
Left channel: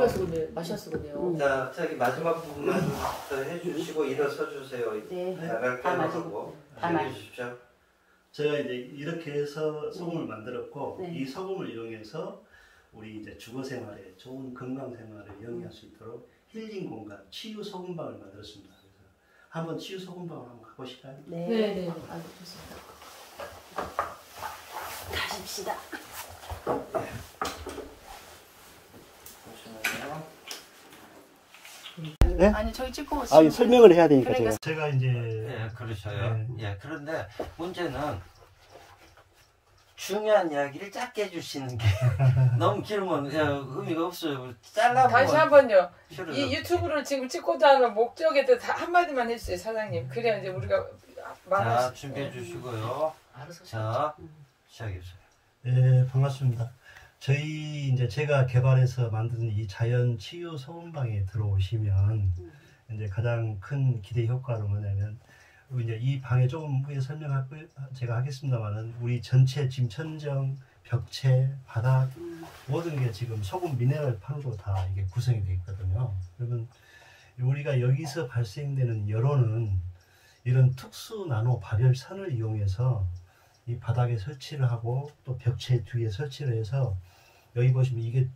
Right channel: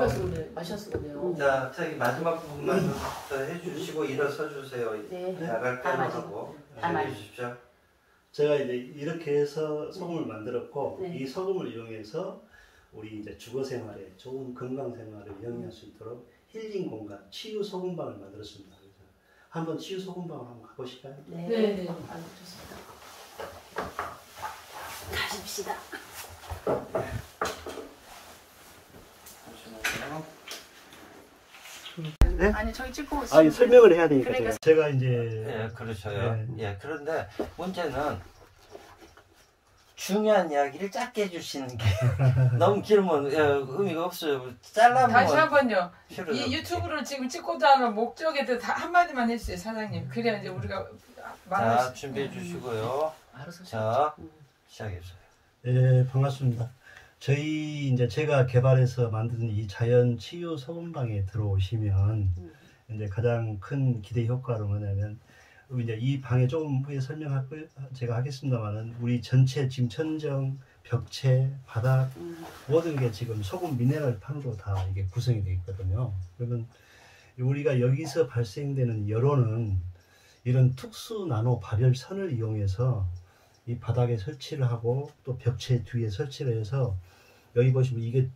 마셨어 보네요. 자, 저기 마지막 부분만 좀 해주시고 일어서 주세요. 네. 나갈 다 거라고 다 해주십시오. 제가 이제 이렇게 해서 소금을 만들었고, 네. 이 소금을 이용해서 우리 이제 주거 생활에 좋은 건강 생활을 영위할 수 있도록 힐링 공간, 치유 소금방을 만들었습니다. 그래서 한번 치유 소금방을 한번 가보실까요? 네. 네네. 좋습니다. 가십시다. 네? 아니 저기 찍고 설명을 해야 되니까 그러니까 제가 이제 예, 그렇죠요. 네. 예, 그런데 문제는 중요한 이야기를 짧게 해주시는 게 너무 길면 의미가 없어요. 잘라보면 다시 한번요. 필요가 이 없지. 유튜브를 지금 찍고자 하는 목적에 대해 다 한마디만 해주세요, 사장님. 그래야 이제 우리가 말할 자, 수 준비해 주시고요. 알아서 자, 시작해주세요. 네, 반갑습니다. 저희 이제 제가 개발해서 만든 이 자연 치유 소금방에 들어오시면 이제 가장 큰 기대 효과는 뭐냐면, 이제 이 방에 조금 후에 제가 하겠습니다만은, 우리 전체 지금 천정, 벽체, 바닥 모든 게 지금 소금 미네랄 판으로 다 이게 구성이 되어 있거든요. 그러면 우리가 여기서 발생되는 열호는 이런 특수 나노 발열선을 이용해서 이 바닥에 설치를 하고 또 벽체 뒤에 설치를 해서, 여기 보시면 이게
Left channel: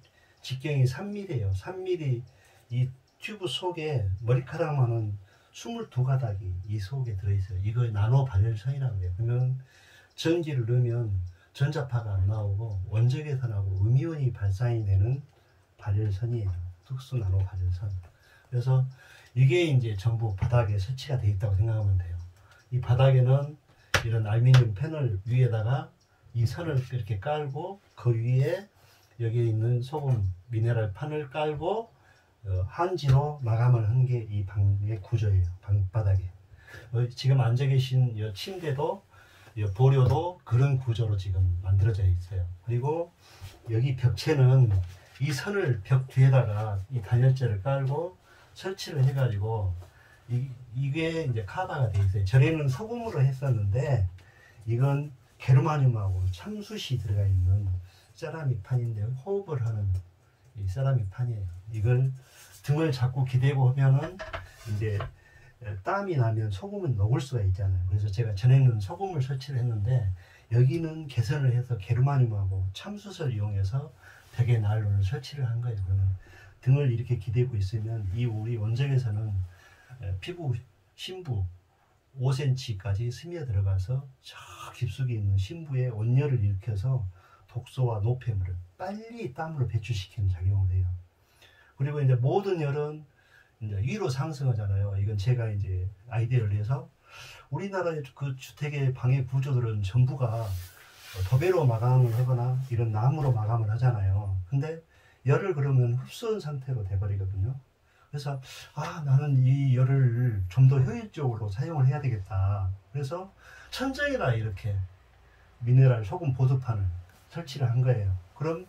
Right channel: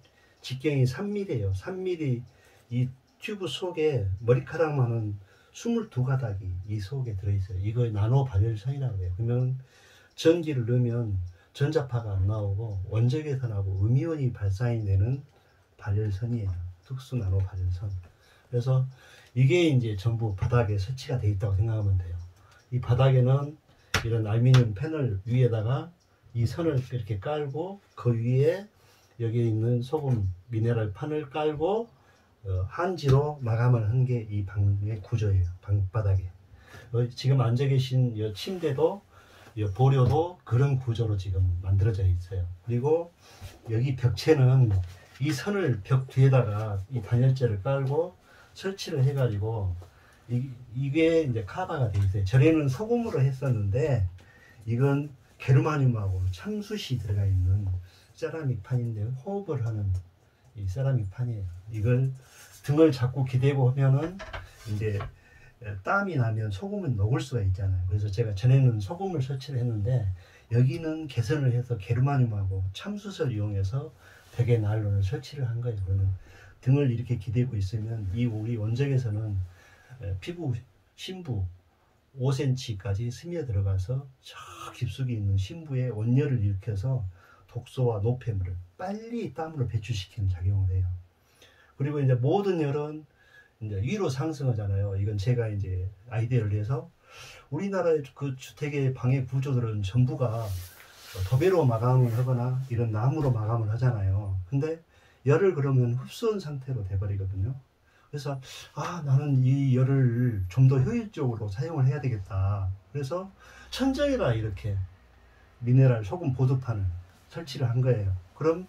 직경이 3mm예요. 3mm 이 튜브 속에 머리카락만한 22가닥이 이 속에 들어있어요. 이걸 나노 발열선이라고 해요. 그러면 전기를 넣으면 전자파가 안 나오고 원적외선하고 음이온이 발산이 되는 발열선이에요. 특수 나노 발열선. 그래서 이게 이제 전부 바닥에 설치가 되어 있다고 생각하면 돼요. 이 바닥에는 이런 알루미늄 패널 위에다가 이 선을 이렇게 깔고, 그 위에 여기에 있는 소금 미네랄 판을 깔고 한지로 마감을 한 게 이 방의 구조예요. 방바닥에. 지금 앉아 계신 이 침대도, 이 보료도 그런 구조로 지금 만들어져 있어요. 그리고 여기 벽체는 이 선을 벽 뒤에다가 이 단열재를 깔고 설치를 해가지고 이게 이제 카바가 돼 있어요. 전에는 소금으로 했었는데 이건 게르마늄하고 참숯이 들어가 있는 세라믹 판인데 호흡을 하는 이 세라믹 판이에요. 이걸 등을 자꾸 기대고 하면은 이제 땀이 나면 소금은 녹을 수가 있잖아요. 그래서 제가 전에는 소금을 설치를 했는데 여기는 개선을 해서 게르마늄하고 참숯을 이용해서 벽에 나일론을 설치를 한 거예요. 그러면 등을 이렇게 기대고 있으면 이 우리 원적에서는 피부 심부 5cm까지 스며 들어가서 저 깊숙이 있는 심부에 온열을 일으켜서 독소와 노폐물을 빨리 땀으로 배출시키는 작용을 해요. 그리고 이제 모든 열은 이제 위로 상승하잖아요. 이건 제가 이제 아이디어를 내서 우리나라의 그 주택의 방해 구조들은 전부가 도배로 마감을 하거나 이런 나무로 마감을 하잖아요. 근데 열을 그러면 흡수한 상태로 돼버리거든요. 그래서 나는 이 열을 좀 더 효율적으로 사용을 해야 되겠다. 그래서 천장에다 이렇게 미네랄 소금 보드판을 설치를 한 거예요. 그럼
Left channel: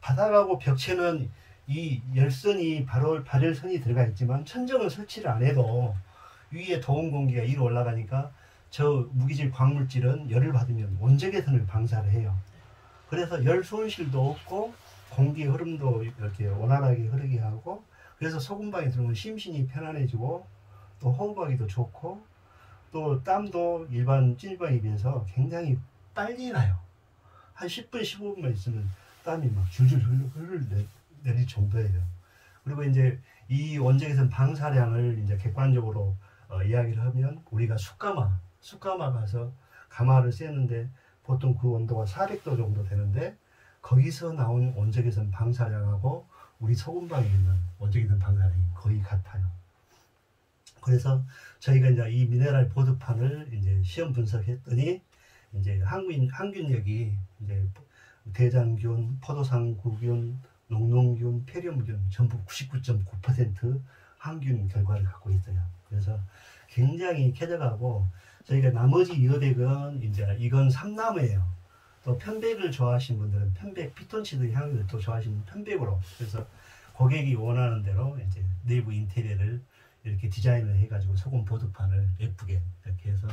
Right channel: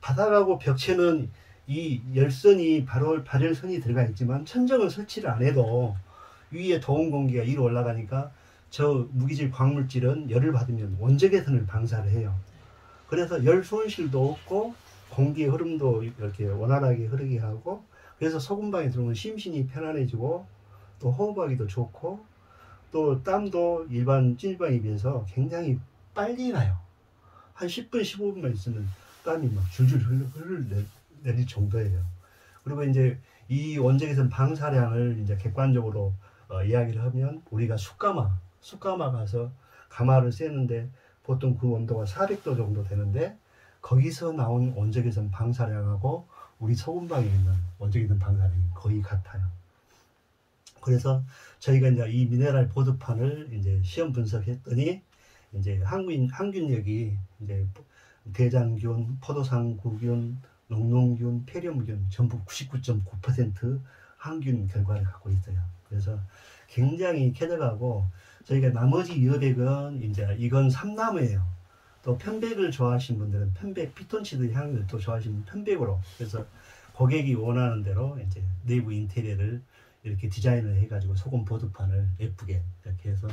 바닥하고 벽체는 이 열선이 발열선이 들어가 있지만 천정을 설치를 안 해도 위에 더운 공기가 위로 올라가니까 저 무기질 광물질은 열을 받으면 원적외선을 방사를 해요. 그래서 열 손실도 없고 공기의 흐름도 이렇게 원활하게 흐르게 하고, 그래서 소금방에 들어오면 심신이 편안해지고 또 호흡하기도 좋고 또 땀도 일반 찜질방에 비해서 굉장히 빨리 나요. 한 10분 15분만 있으면 땀이 막 줄줄 내릴 정도예요. 그리고 이제 이 원적외선 방사량을 이제 객관적으로 이야기를 하면 우리가 숯가마 가서 가마를 쐬는데 보통 그 온도가 400도 정도 되는데 거기서 나온 원적외선 방사량하고 우리 소금방에 있는 원적외선 방사량이 거의 같아요. 그래서 저희가 이제 이 미네랄 보드판을 이제 시험 분석했더니 이제 항균력이 이제 대장균, 포도상구균, 녹농균, 폐렴균 전부 99.9% 항균 결과를 갖고 있어요. 그래서 굉장히 쾌적하고 저희가 나머지 여백은 이제 이건 삼나무예요. 또 편백을 좋아하시는 분들은 편백, 피톤치드 향을 또 좋아하시는 편백으로, 그래서 고객이 원하는 대로 이제 내부 인테리어를 이렇게 디자인을 해가지고 소금 보드판을 예쁘게 이렇게 해서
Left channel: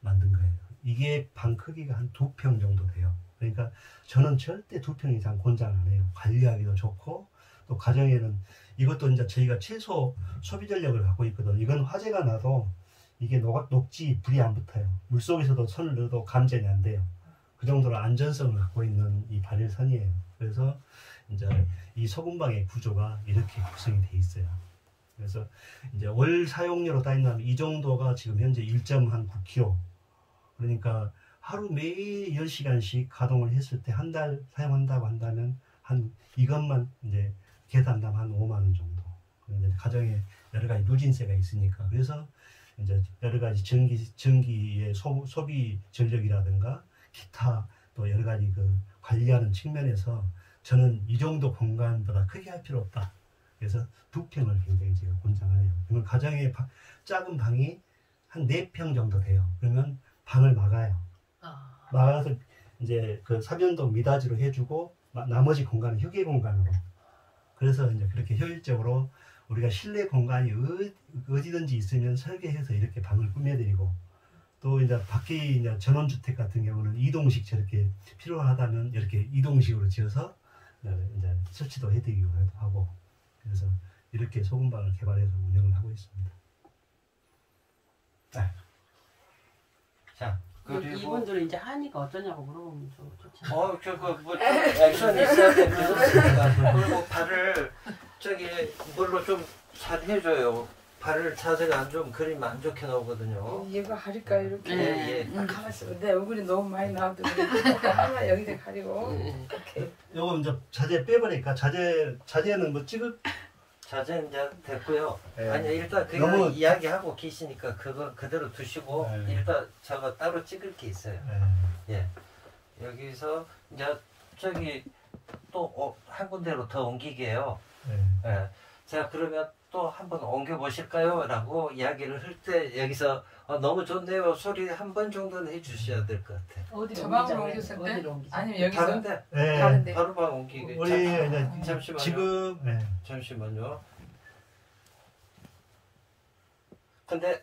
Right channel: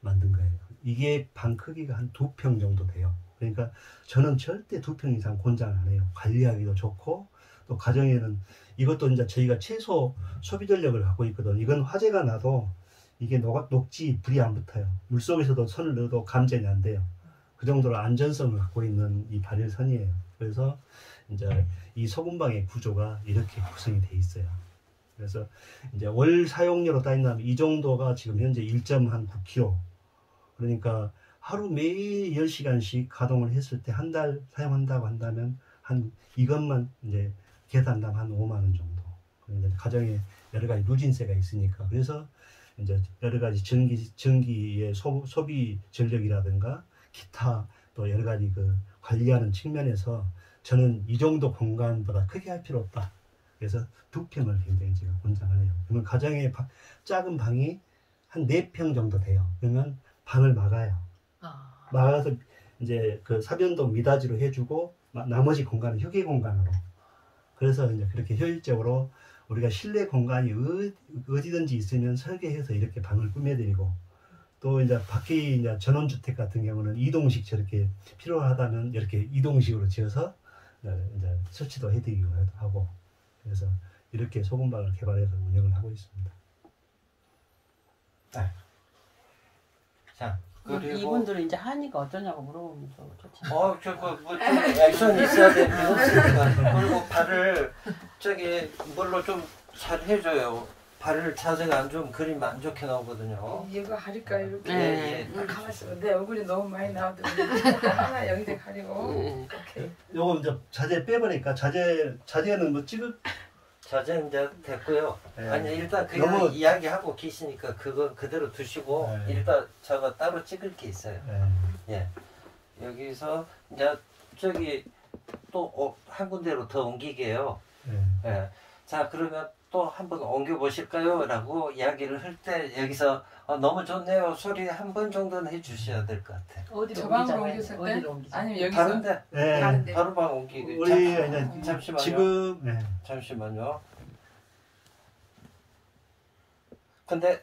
만든 거예요. 이게 방 크기가 한 2평 정도 돼요. 그러니까 저는 절대 2평 이상 권장 안 해요. 관리하기도 좋고 또 가정에는 이것도 이제 저희가 최소 소비 전력을 갖고 있거든. 이건 화재가 나도 이게 녹지 불이 안 붙어요. 물속에서도 손을 넣어도 감전이 안 돼요. 그 정도로 안전성을 갖고 있는 이 발열선이에요. 그래서 이제 이 소금방의 구조가 이렇게 구성이 돼 있어요. 그래서 이제 월 사용료로 따진다면 이 정도가 지금 현재 1.9kg. 그러니까 하루 매일 10시간씩 가동을 했을 때 한 달 사용한다고 한다면 한 이것만 이제 계산하면 한 5만 원 정도. 이제 가정에 여러 가지 누진세가 있으니까. 그래서 이제 여러 가지 전기의 소비 전력이라든가 기타 또 여러 가지 그 관리하는 측면에서 저는 이 정도 공간보다 크게 할 필요 없다. 그래서 2평을 굉장히 제가 권장을 해요. 그러면 가정에 작은 방이 한 4평 정도 돼요. 그러면 방을 막아요. 막아서 이제 그 사변동 미닫이로 해주고 나머지 공간은 휴게 공간으로. 그래서 이제 그렇게 효율적으로 우리가 실내 공간이 어디든지 있으면 설계해서 이렇게 방을 꾸며드리고, 또 이제 밖에 이제 전원주택 같은 경우는 이동식 저렇게 필요하다면 이렇게 이동식으로 지어서 이제 설치도 해드리기도 하고, 그래서 이렇게 소금방을 개발해서 운영을 하고 있습니다. 네. 자, 그리고 이분들은 이제 하니까 어쩌냐고 물어보면서 좋지. 저거 뭐 액션 있어야 되는데 그리고 발을 저기 이걸로 좀 잘 해줘요. 발을 자세가 안 좋으면 그림 안 좋게 나오거든요. 얘가 가릴까 이렇게. 예. 가렸어. 내 얼굴이 너무 많이 나오더니 하나 여기다 가리고. 오케이. 요거 이제 자재 빼버리니까 자재는 뭐 자재 이제 됐고요. 예. 아니 일단 그냥 너무- 이야기하고 계시니까 그거 그대로 두시고 예. 일단 저거 따로 찍을 게 있어요. 예. 여기서 이제 저기 또 한 군데로 더 옮기게요. 예. 자 그러면 또 한번 옮겨 보실까요? 라고 이야기를 할 때 여기서 너무 좋네요 소리 한 번 정도는 해주셔야 될 것 같아요. 어디로 저 방으로 옮기자? 옮겼을 때? 어디로 옮기자? 아니면 여기서 다른데 예. 다른데. 바로 방 옮기게. 우리 이제 잠시만요. 지금 잠시만요. 근데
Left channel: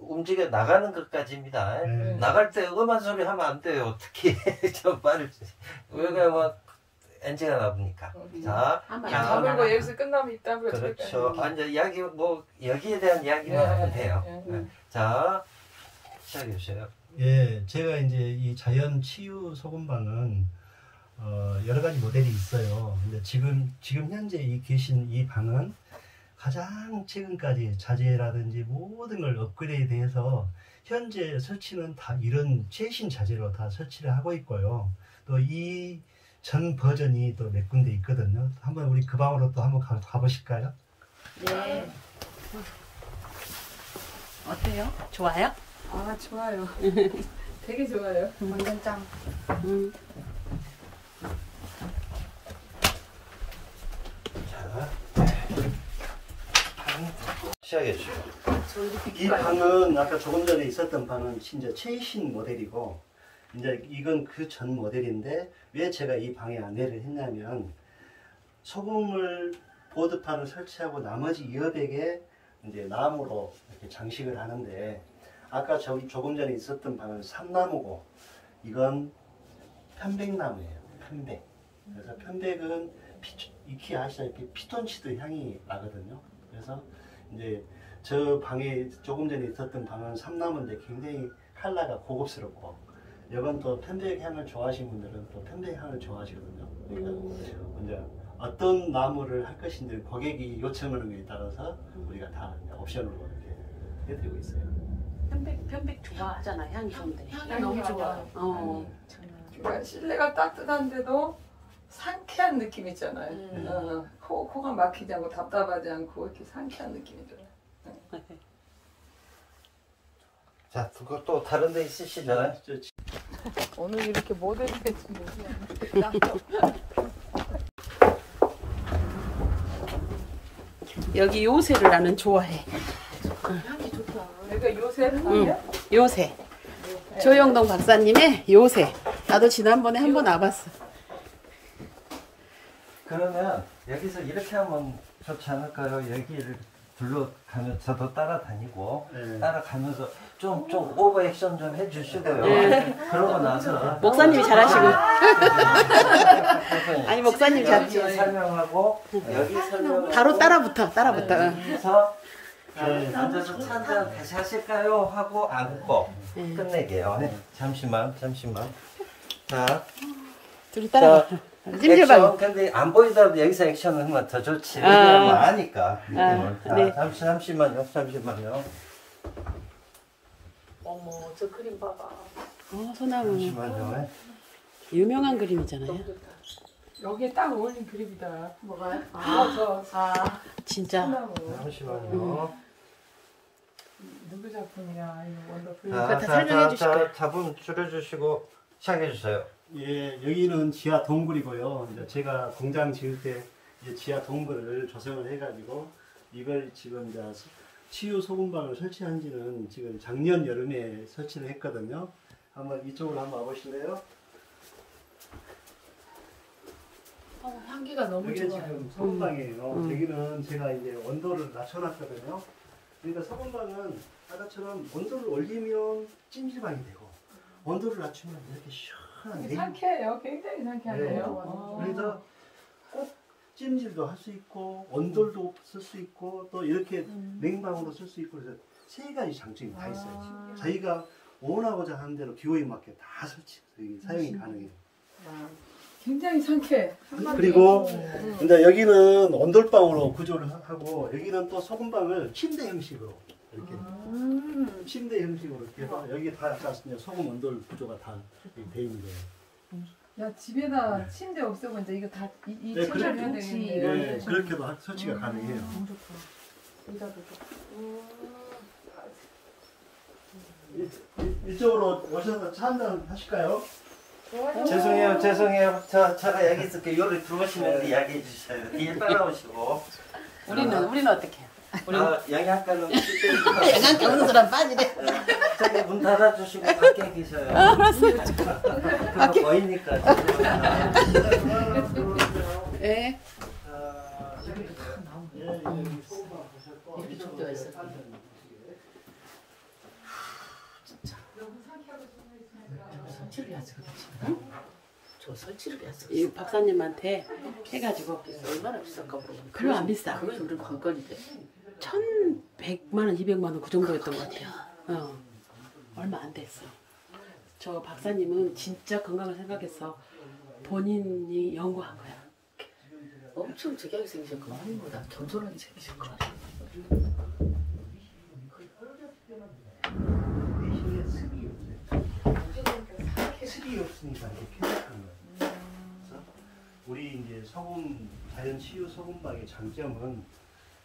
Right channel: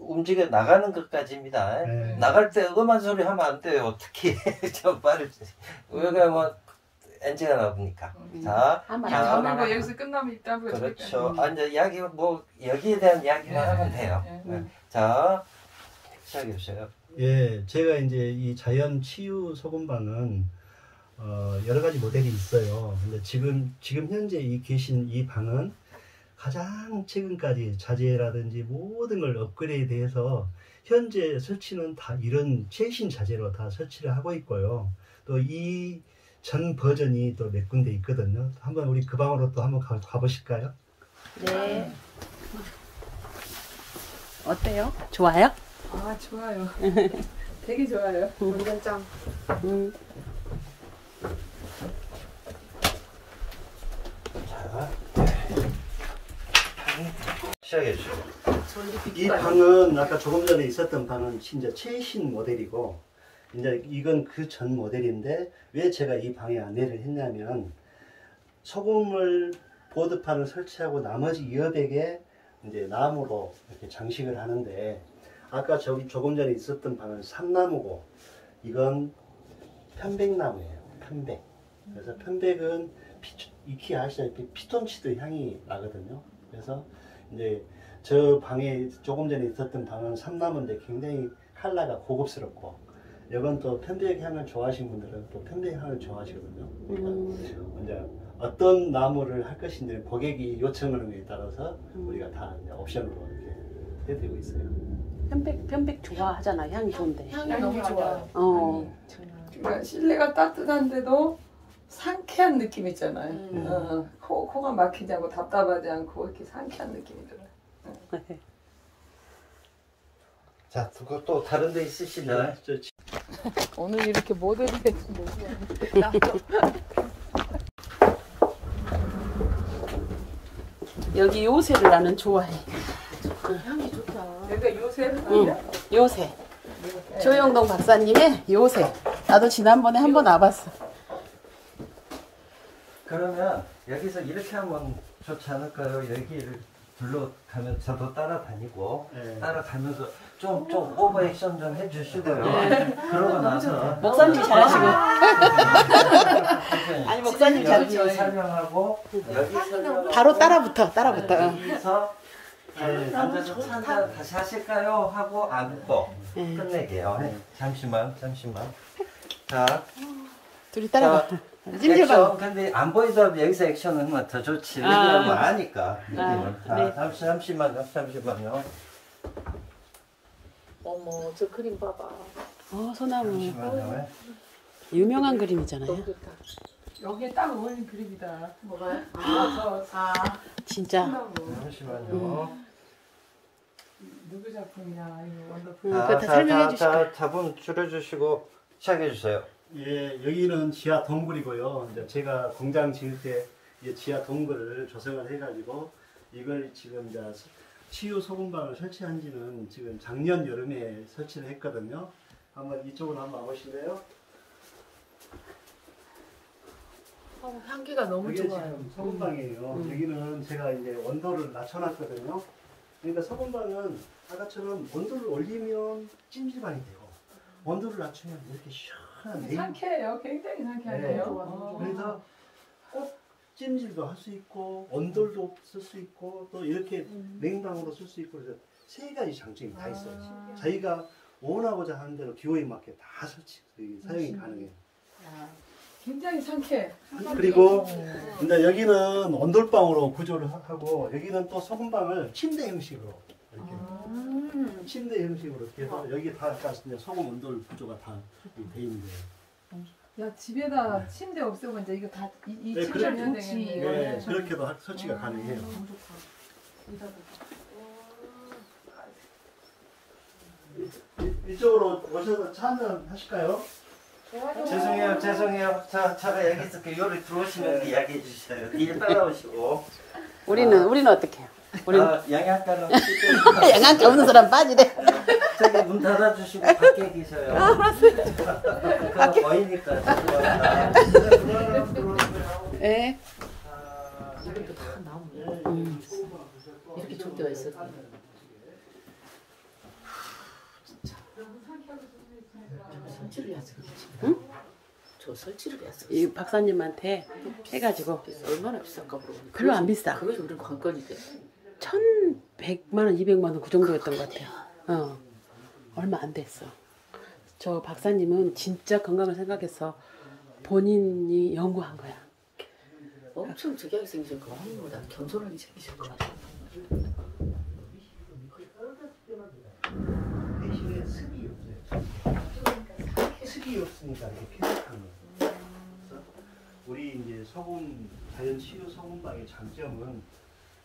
움직여 나가는 것까지입니다. 네. 나갈 때 음한 소리 하면 안 돼요. 특히 저 말을 여기가 뭐 NG가 나오니까. 자, 다물고 여기서 끝나면 있다고요. 그렇죠. 아, 이제 이야기 뭐 여기에 대한 이야기만 하면 돼요. 자, 시작해 주세요. 예, 제가 이제 이 자연 치유 소금방은 여러 가지 모델이 있어요. 근데 지금 현재 계신 이 방은 가장 최근까지 자재라든지 모든 걸 업그레이드해서 현재 설치는 다 이런 최신 자재로 다 설치를 하고 있고요. 또 이 전 버전이 또 몇 군데 있거든요. 한번 우리 그 방으로 또 한번 가보실까요? 네. 어때요? 좋아요? 아 좋아요. 되게 좋아요. 완전 짱. 시작해 주세요. 이 방은 아까 조금 전에 있었던 방은 진짜 최신 모델이고, 이제 이건 그 전 모델인데, 왜 제가 이 방에 안내를 했냐면, 소금을 보드판을 설치하고 나머지 여백에 이제 나무로 이렇게 장식을 하는데, 아까 조금 전에 있었던 방은 삼나무고, 이건 편백나무예요. 편백. 그래서 편백은 익히 아시다시피 피톤치드 향이 나거든요. 그래서 이제 저 방에 조금 전에 있었던 방은 삼나무인데 굉장히 컬러가 고급스럽고, 이건 또 편백 향을 좋아하시는 분들은 또 편백 향을 좋아하시거든요. 그러니까 이제 어떤 나무를 할 것인지 고객이 요청하는 것에 따라서 우리가 다 이제 옵션으로 이렇게 해드리고 있어요. 편백 좋아하잖아. 향이 좋은데. 향이 너무 좋아요. 그러니까 실내가 따뜻한데도 상쾌한 느낌 있잖아요. 코가 막히지 않고 답답하지 않고 이렇게 상쾌한 느낌이 들어요. 자, 그거 또 다른 데 있으시나요? 오늘 이렇게 모델이 여기 요새를 나는 좋아해. 향이 좋다. 그러니까 요새 요새. 조영동 박사님의 요새. 나도 지난번에 한번 와봤어. 그러면 여기서 이렇게 하면 좋지 않을까요? 여기를 둘러가면 저도 따라다니고 네. 따라가면서 좀 오버 액션 좀 해주시고요. 네. 그러고 나서 목사님이 잘하시고. 아니, 목사님 잘. 여기 설명하고 여기 설명 바로 따라붙어. 여기서 앉아서 찬자 다시 하실까요? 하고 앉고 끝내게요. 잠시만. 자, 둘이 따라가. 액션. 찜질방. 근데 안 보이더라도 여기서 액션 하면 더 좋지. 아. 왜냐면 아니까 느낌을. 네. 자, 잠시만요. 어머, 저 그림 봐봐. 소나무. 잠시만요. 유명한 그림이잖아요. 여기에 딱 어울리는 그림이다. 뭐가요? 진짜. 소나무. 잠시만요. 누구 작품이야? 이거 원더풀. 그거 다 설명해 주실 거예요. 답은 줄여주시고 시작해 주세요. 예, 여기는 지하 동굴이고요. 이제 제가 공장 지을 때 이제 지하 동굴을 조성을 해가지고 이걸 지금 이제 치유 소금방을 설치한 지는 지금 작년 여름에 설치를 했거든요. 한번 이쪽으로 한번 와보실래요? 향기가 너무 이게 좋아요. 지금 소금방이에요. 여기는 제가 이제 온도를 낮춰놨거든요. 그러니까 소금방은 아까처럼 온도를 올리면 찜질방이 되고 온도를 낮추면 이렇게 시원한 상쾌해요. 굉장히 상쾌하네요. 그래서 꼭 찜질도 할 수 있고 온돌도 쓸 수 있고 또 이렇게 냉방으로 쓸 수 있고 그래서 세 가지 장점이 다 있어요. 자기가 원하고자 하는 대로 기호에 맞게 다 사용이 가능해요. 굉장히 상쾌해. 그리고 이제 여기는 온돌방으로 구조를 하고 여기는 또 소금방을 침대 형식으로 이렇게 침대 형식으로 이렇게 해서 여기 다 약간 소금 온돌 구조가 다 돼 있는 거예요. 야 집에다 침대 없애고 이제 이거 다 이 네, 침대를 해야 그렇지. 되겠네. 네, 그렇게도 설치가 가능해요. 이쪽으로 오셔서 차 한잔 하실까요? 죄송해요. 제가 여기 있을게. 요리 들어오시면 이야기해 주세요. 뒤에 따라오시고. 우리는 어떻게? 우리는 영양가는 양한테 없는 사람 빠지래. 저기 문 닫아주시고 밖에 계셔요. 그거 보이니까. 네. 이렇게 족대가 있었대. 또 설치를 했어. 이 박사님한테 해가지고 얼마나 비쌀까 모르겠네. 별로 안 비싸. 그것이 우리 관건이지. 1,100만 원, 200만 원 그 정도였던 것 같아요. 얼마 안 됐어. 저 박사님은 진짜 건강을 생각해서 본인이 연구한 거야. 엄청 특이하게 생기신 거 같아. 겸손하게 생기신 거 같아. 대신에 습이 없으니까 이렇게 쾌적한 거예요. 그래서 우리 이제 소금 자연 치유 소금방의 장점은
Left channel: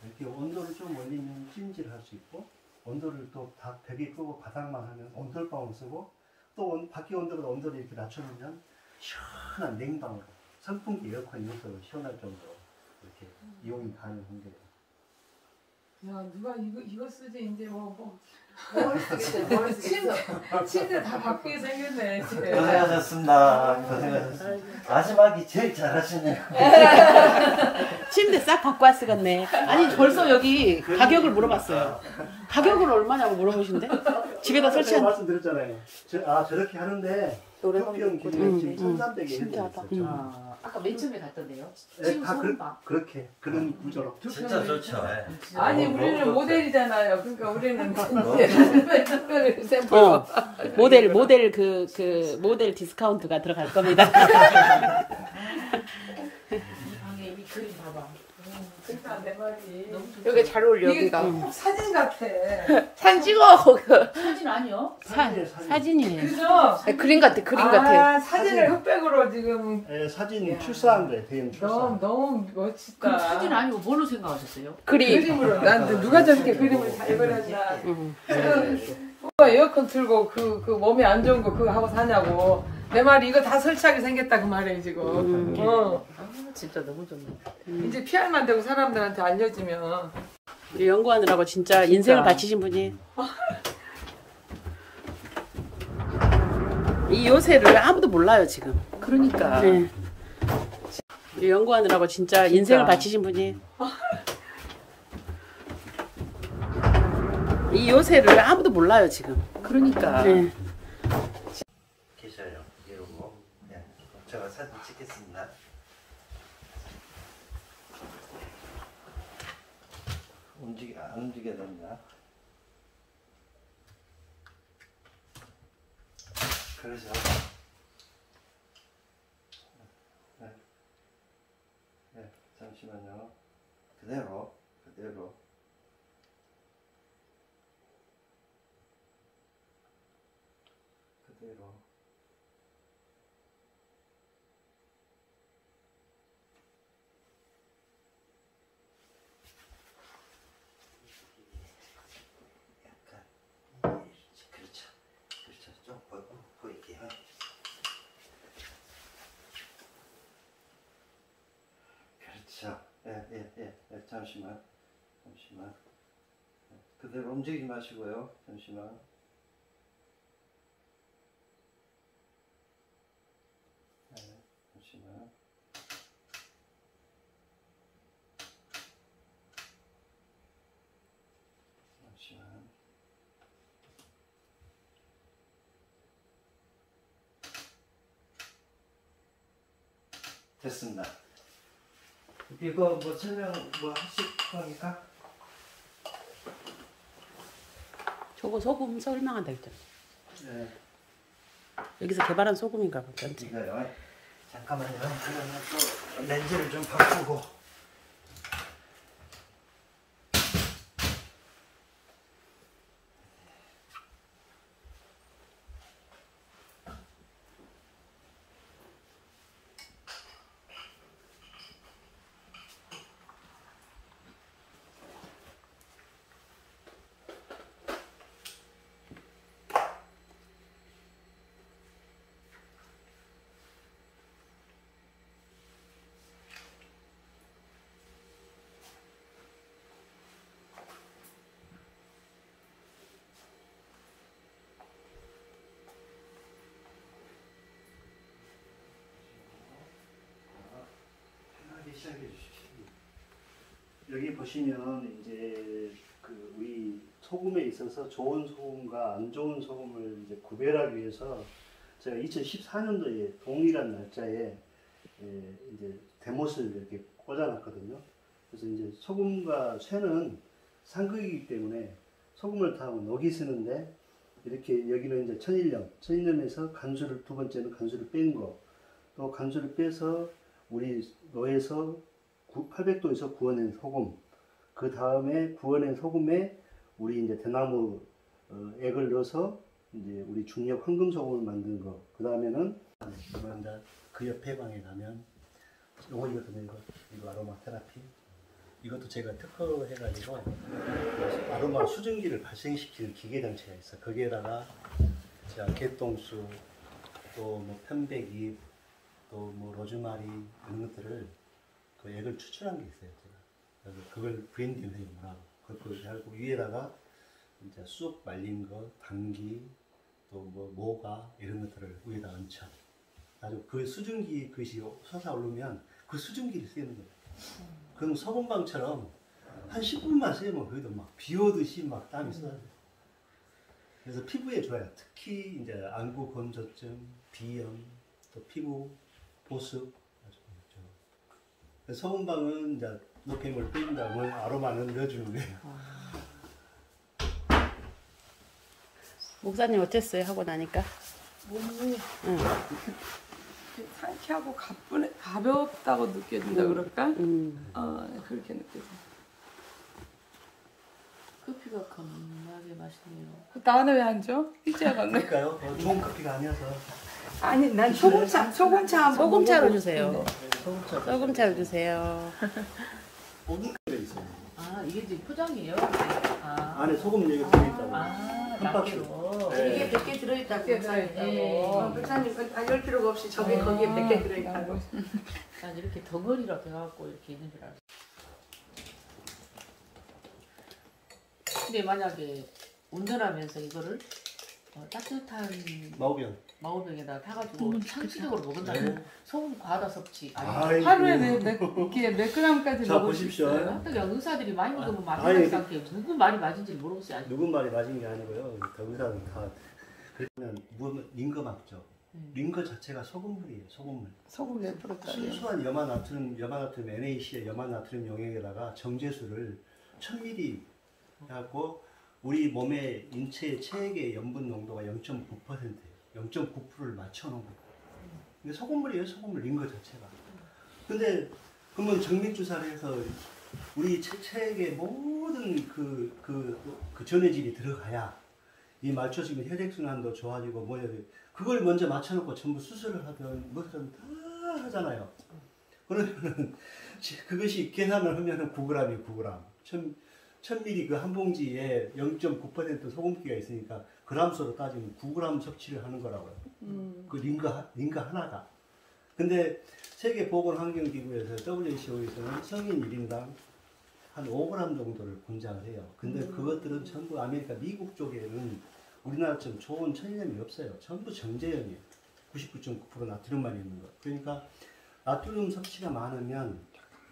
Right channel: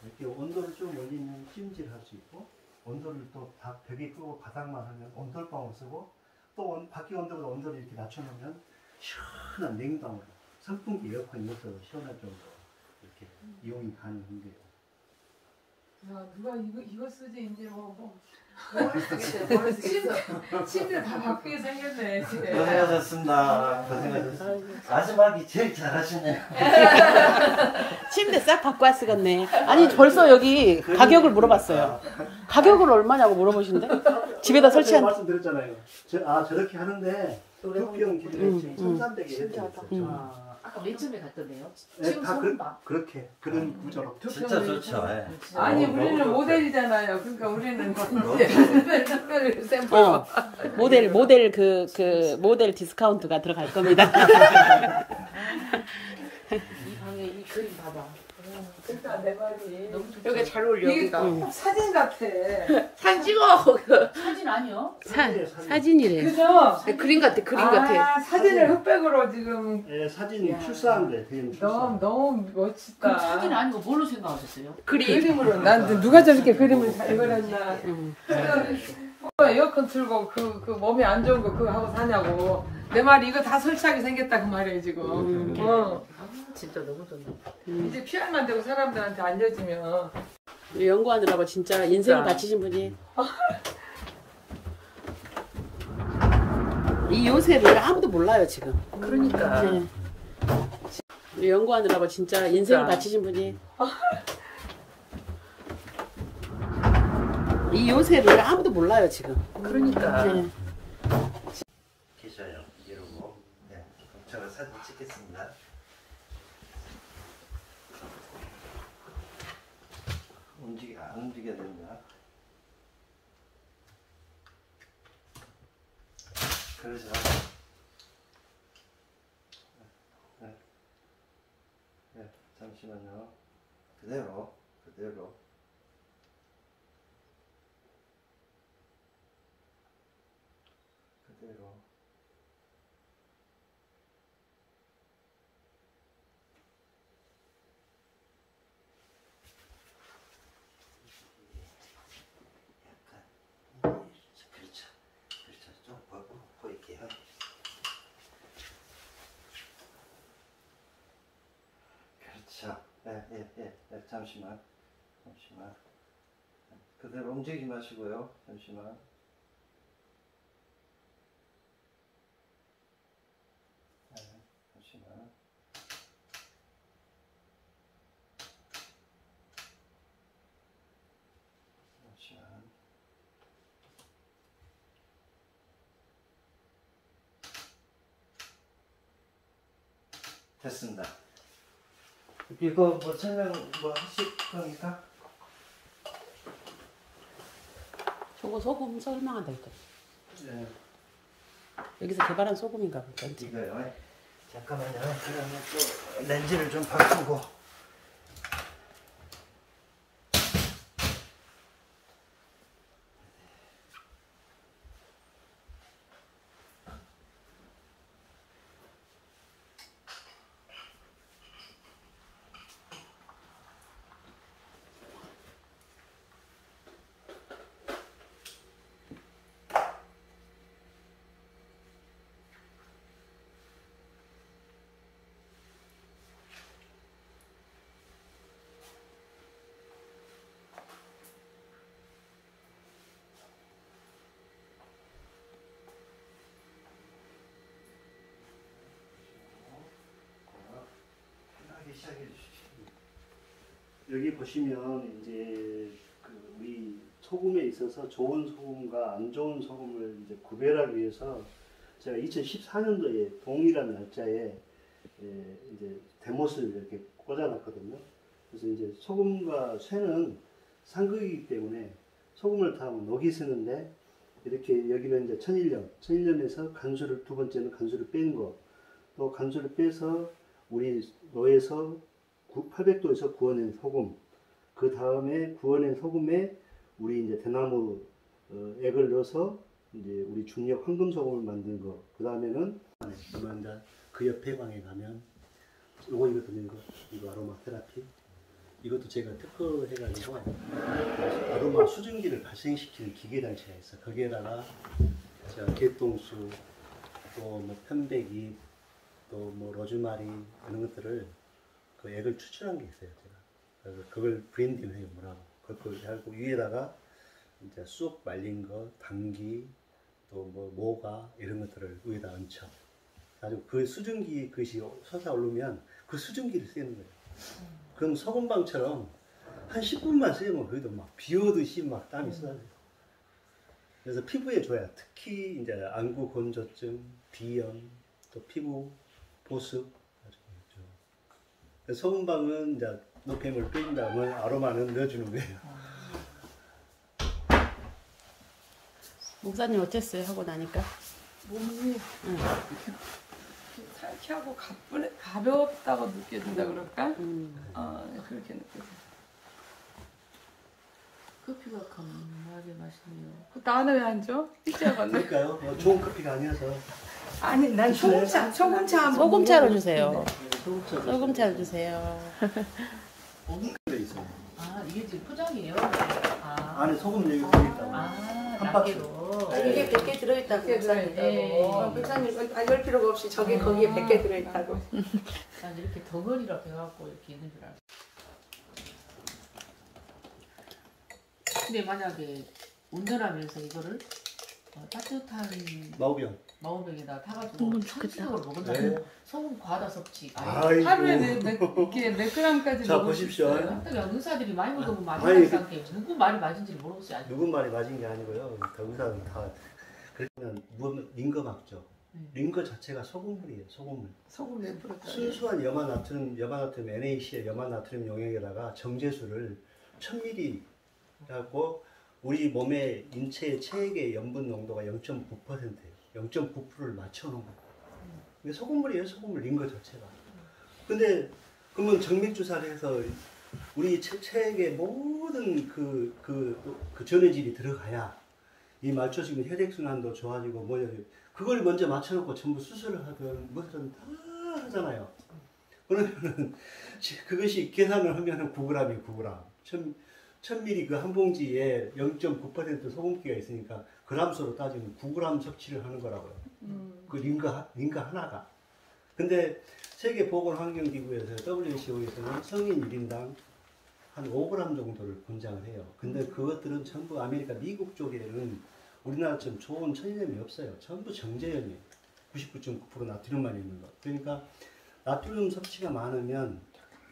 이렇게 온도를 좀 올리면 찜질할 수 있고 온도를 또 다 벽에 끄고 바닥만 하면 온돌방울 쓰고 또 밖에 온도보다 온도를 이렇게 낮춰놓으면 시원한 냉방으로 선풍기 에어컨 이것도 시원할 정도로 이렇게 이용이 가능한 거예요. 야, 누가 이거 쓰지 이제 뭘 쓰겠어. 침대 다 바꾸게 생겼네. 집에. 고생하셨습니다. 고생하셨습니다. 마지막이 제일 잘하시네요. 침대 싹 바꿔 왔으겠네. 아니 벌써 여기 가격을 물어봤어요. 가격을 얼마냐고 물어보신대? 집에다 설치한. 말씀드렸잖아요. 저렇게 하는데 두평 기준 지금 1,300에 아까 맨 처음에 갔던데요. 네, 지금 다 소금방. 그렇게 그런 구조로. 진짜 좋죠. 예. 아니 너무 우리는 좋죠. 모델이잖아요. 그러니까 우리는 이제 특별히 샘플. 모델 디스카운트가 들어갈 겁니다. 아니 이 그림 봐봐. 그러니까 내 말이 여기 잘 어울려. 이게 꼭 사진 같아. 사진 찍어. 사진 아니요? 사진이래. 그죠? 그림 같아. 그림 같아. 사진을 흑백으로 지금 사진 출사한 거예요. 대형 출사. 너무 멋지다. 그 사진 아니고 뭘로 생각하셨어요? 그림으로. 난 누가 저렇게 그림을 잘 그렸나. 응. 엄마 에어컨 틀고 그 몸에 안 좋은 거 그거 하고 사냐고. 내 말이 이거 다 설치하게 생겼다 그 말이에요 지금. 아 진짜 너무 좋네. 이제 PR만 되고 사람들한테 알려주면. 연구하느라고 진짜 인생을 바치신 분이. 이 요새를 아무도 몰라요 지금. 그러니까. 네. 연구하느라고 진짜 인생을 바치신 분이. 이 요새를 아무도 몰라요 지금. 그러니까. 네. 계셔요. 이러고. 네. 제가 사진 찍겠습니다. 안 움직여야 됩니다. 그래서 네, 잠시만요. 그대로 약간 그렇죠. 좀 보일게요. 그렇죠. 네, 잠시만. 그대로 움직이지 마시고요. 잠시만. 네, 잠시만. 됐습니다. 이거 뭐 설명 뭐 하실 겁니까? 저거 소금 설명한다 했잖아. 네. 여기서 개발한 소금인가 보다. 이거요. 잠깐만요. 그러면 또 렌즈를 좀 바꾸고. 여기 보시면 이제 그 우리 소금에 있어서 좋은 소금과 안 좋은 소금을 이제 구별하기 위해서 제가 2014년도에 동일한 날짜에 이제 대못을 이렇게 꽂아놨거든요. 그래서 이제 소금과 쇠는 상극이기 때문에 소금을 타면 녹이 쓰는데 이렇게 여기는 이제 천일염에서 간수를 두 번째는 간수를 뺀 거, 또 간수를 빼서 우리 노에서 800도에서 구워낸 소금, 그 다음에 구워낸 소금에 우리 이제 대나무 액을 넣어서 이제 우리 중력 황금 소금을 만든 거, 그 다음에는 그 옆에 방에 가면 이거거든요. 이거 아로마 테라피. 이것도 제가 특허해가지고 아로마 수증기를 발생시키는 기계 단체가 있어. 거기에다가 개똥수, 또 뭐 편백잎, 또 뭐 로즈마리 이런 것들을 그 액을 추출한 게 있어요. 제가 그걸 브랜딩해요. 뭐라고. 그걸 하고 위에다가 이제 쑥 말린 거, 당귀, 또 뭐 모가 이런 것들을 위에다 얹혀. 가지고 그 수증기 그것이 솟아오르면 그 수증기를 쓰는 거예요. 그럼 소금방처럼 한 10분만 쓰면 거기도 막 비 오듯이 막 땀이 쏟아져요. 그래서 피부에 좋아요. 특히 이제 안구 건조증, 비염, 또 피부 보습 아주 좋아요. 소금방은 이제 노폐물 뺀 다음에 아로마는 넣어주는 거예요. 목사님 어땠어요? 하고 나니까? 몸이 상쾌하고 가볍다고 느껴진다 그럴까? 그렇게 느껴져. 커피가 강하게 마시네요. 나는 왜 안 줘? 삐져갔네. 그럴까요? 좋은 커피가 아니어서. 아니 난 소금차 소금차로 주세요. 소금차. 소금차로 주세요. 있어요. 아, 이게 지금 포장이에요? 안에 소금 여기가 들어있다고. 한 박스로. 이게 100개 들어있다고. 100개 들어있다고. 목사님은 다닐 필요가 없이 저게 거기에 100개 들어있다고. 난 이렇게 덩어리로 해갖고 이렇게 있는 줄 알았어. 근데 만약에 운전하면서 이거를 따뜻한 마우병에다 타가지고 상시적으로 먹는다면 네. 소금 과다 섭취. 아이고. 하루에 몇 g까지 자, 먹을 수 보십시오. 있어요? 그냥 의사들이 많이 먹으면 많이 아니, 맞은 상태에 누구 말이 맞은지를 모르겠어요. 아직. 누군 말이 맞은 게 아니고요. 그 의사는 다 그러면 링거 막죠. 링거 자체가 소금물이에요. 소금물. 소금 몇 프로 짜리? 순수한 염화나트륨 NaC의 염화나트륨 용액에다가 정제수를 1000ml 하고 우리 몸의 인체의 체액의 염분 농도가 0.9%예요. 0.9%를 맞춰놓은 거예요. 이게 소금물이에요. 소금물 링거 자체가. 근데 그러면 정맥주사를 해서 우리 체액의 모든 그 전해질이 들어가야 이 맞춰지고 혈액순환도 좋아지고 그걸 먼저 맞춰놓고 전부 수술을 하든 무슨 다 하잖아요. 그러면은 그것이 계산을 하면은 9g이에요. 9g. 1000ml 그 한 봉지에 0.9% 소금기가 있으니까 그람수로 따지면 9g 섭취를 하는 거라고요. 그 링거 하나가. 근데 세계보건환경기구에서 WHO에서는 성인 1인당 한 5g 정도를 권장을 해요. 근데 그것들은 전부 아메리카 미국 쪽에는 우리나라처럼 좋은 천일염이 없어요. 전부 정제염이에요. 99.9% 나트륨만 있는 거. 그러니까 나트륨 섭취가 많으면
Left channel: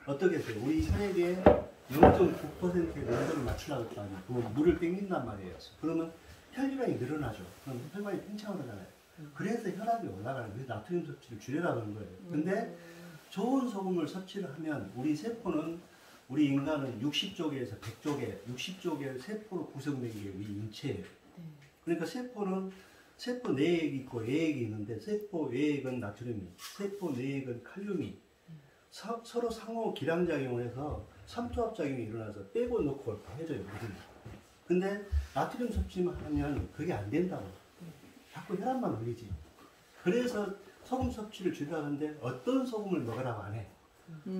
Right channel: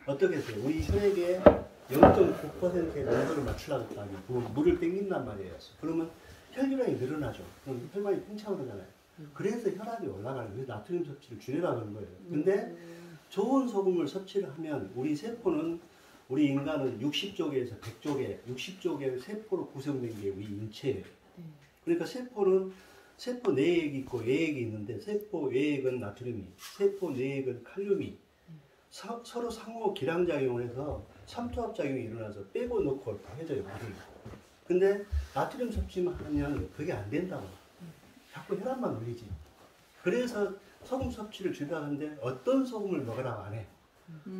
어떻게 해요? 우리 혈액에 0.9%의 농도를 맞추려고 할 거 아니에요. 그러면 물을 땡긴단 말이에요. 그러면 혈류량이 늘어나죠. 그럼 혈관이 팽창을 하잖아요. 그래서 혈압이 올라가는 거예요. 나트륨 섭취를 줄이라는 거예요. 근데 좋은 소금을 섭취를 하면 우리 세포는 우리 인간은 60조개에서 100조개, 60조개의 세포로 구성된 게 우리 인체예요. 그러니까 세포는 세포 내액이 있고 외액이 있는데 세포 외액은 나트륨이, 세포 내액은 칼륨이 서로 상호 기량작용을 해서 삼투압작용이 일어나서 빼고 넣고 이렇게 해줘요. 근데 나트륨 섭취만 하면 그게 안 된다고요. 자꾸 혈압만 올리지. 그래서 소금 섭취를 줄이라는데 어떤 소금을 먹으라고 안 해.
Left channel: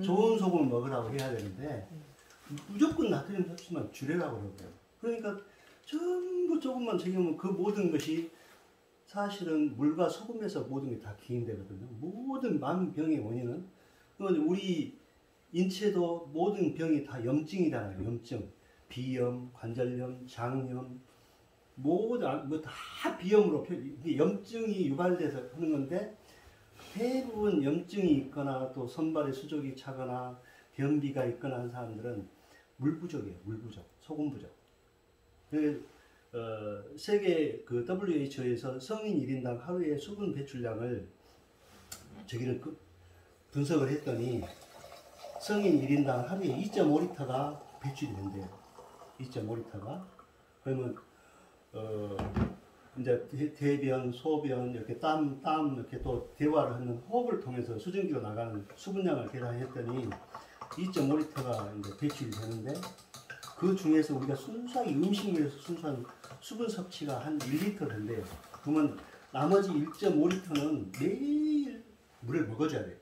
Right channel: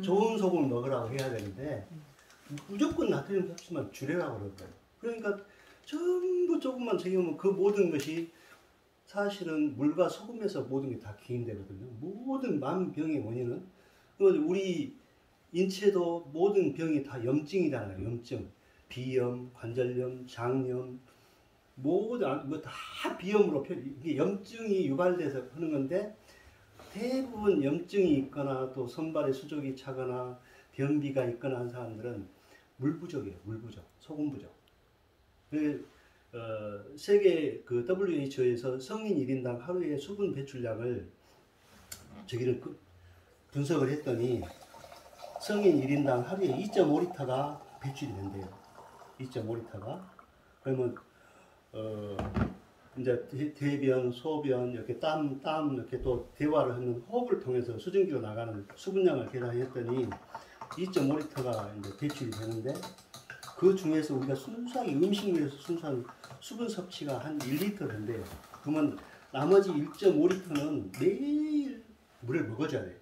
좋은 소금을 먹으라고 해야 되는데 무조건 나트륨 섭취만 줄이라고 그러는 거예요. 그러니까 전부 조금만 챙기면 그 모든 것이 사실은 물과 소금에서 모든 게 다 기인되거든요. 모든 만병의 원인은 우리 인체도 모든 병이 다 염증이잖아요. 염증, 비염, 관절염, 장염, 모든 뭐 다 비염으로 이게 염증이 유발돼서 하는 건데 대부분 염증이 있거나 또 손발에 수족이 차거나 변비가 있거나 한 사람들은 물 부족이에요. 물 부족, 소금 부족. 세계 그 WHO에서 성인 1인당 하루에 수분 배출량을 저기를 분석을 했더니 성인 1인당 하루에 2.5리터가 배출이 된대요. 2.5리터가. 그러면 이제 대변, 소변, 이렇게 땀 이렇게 또 대화를 하는 호흡을 통해서 수증기로 나가는 수분량을 계산했더니 2.5리터가 이제 배출이 되는데 그 중에서 우리가 순수하게 음식물에서 순수한 수분 섭취가 한 1리터 된대요. 그러면 나머지 1.5리터는 매일 물을 먹어줘야 돼요.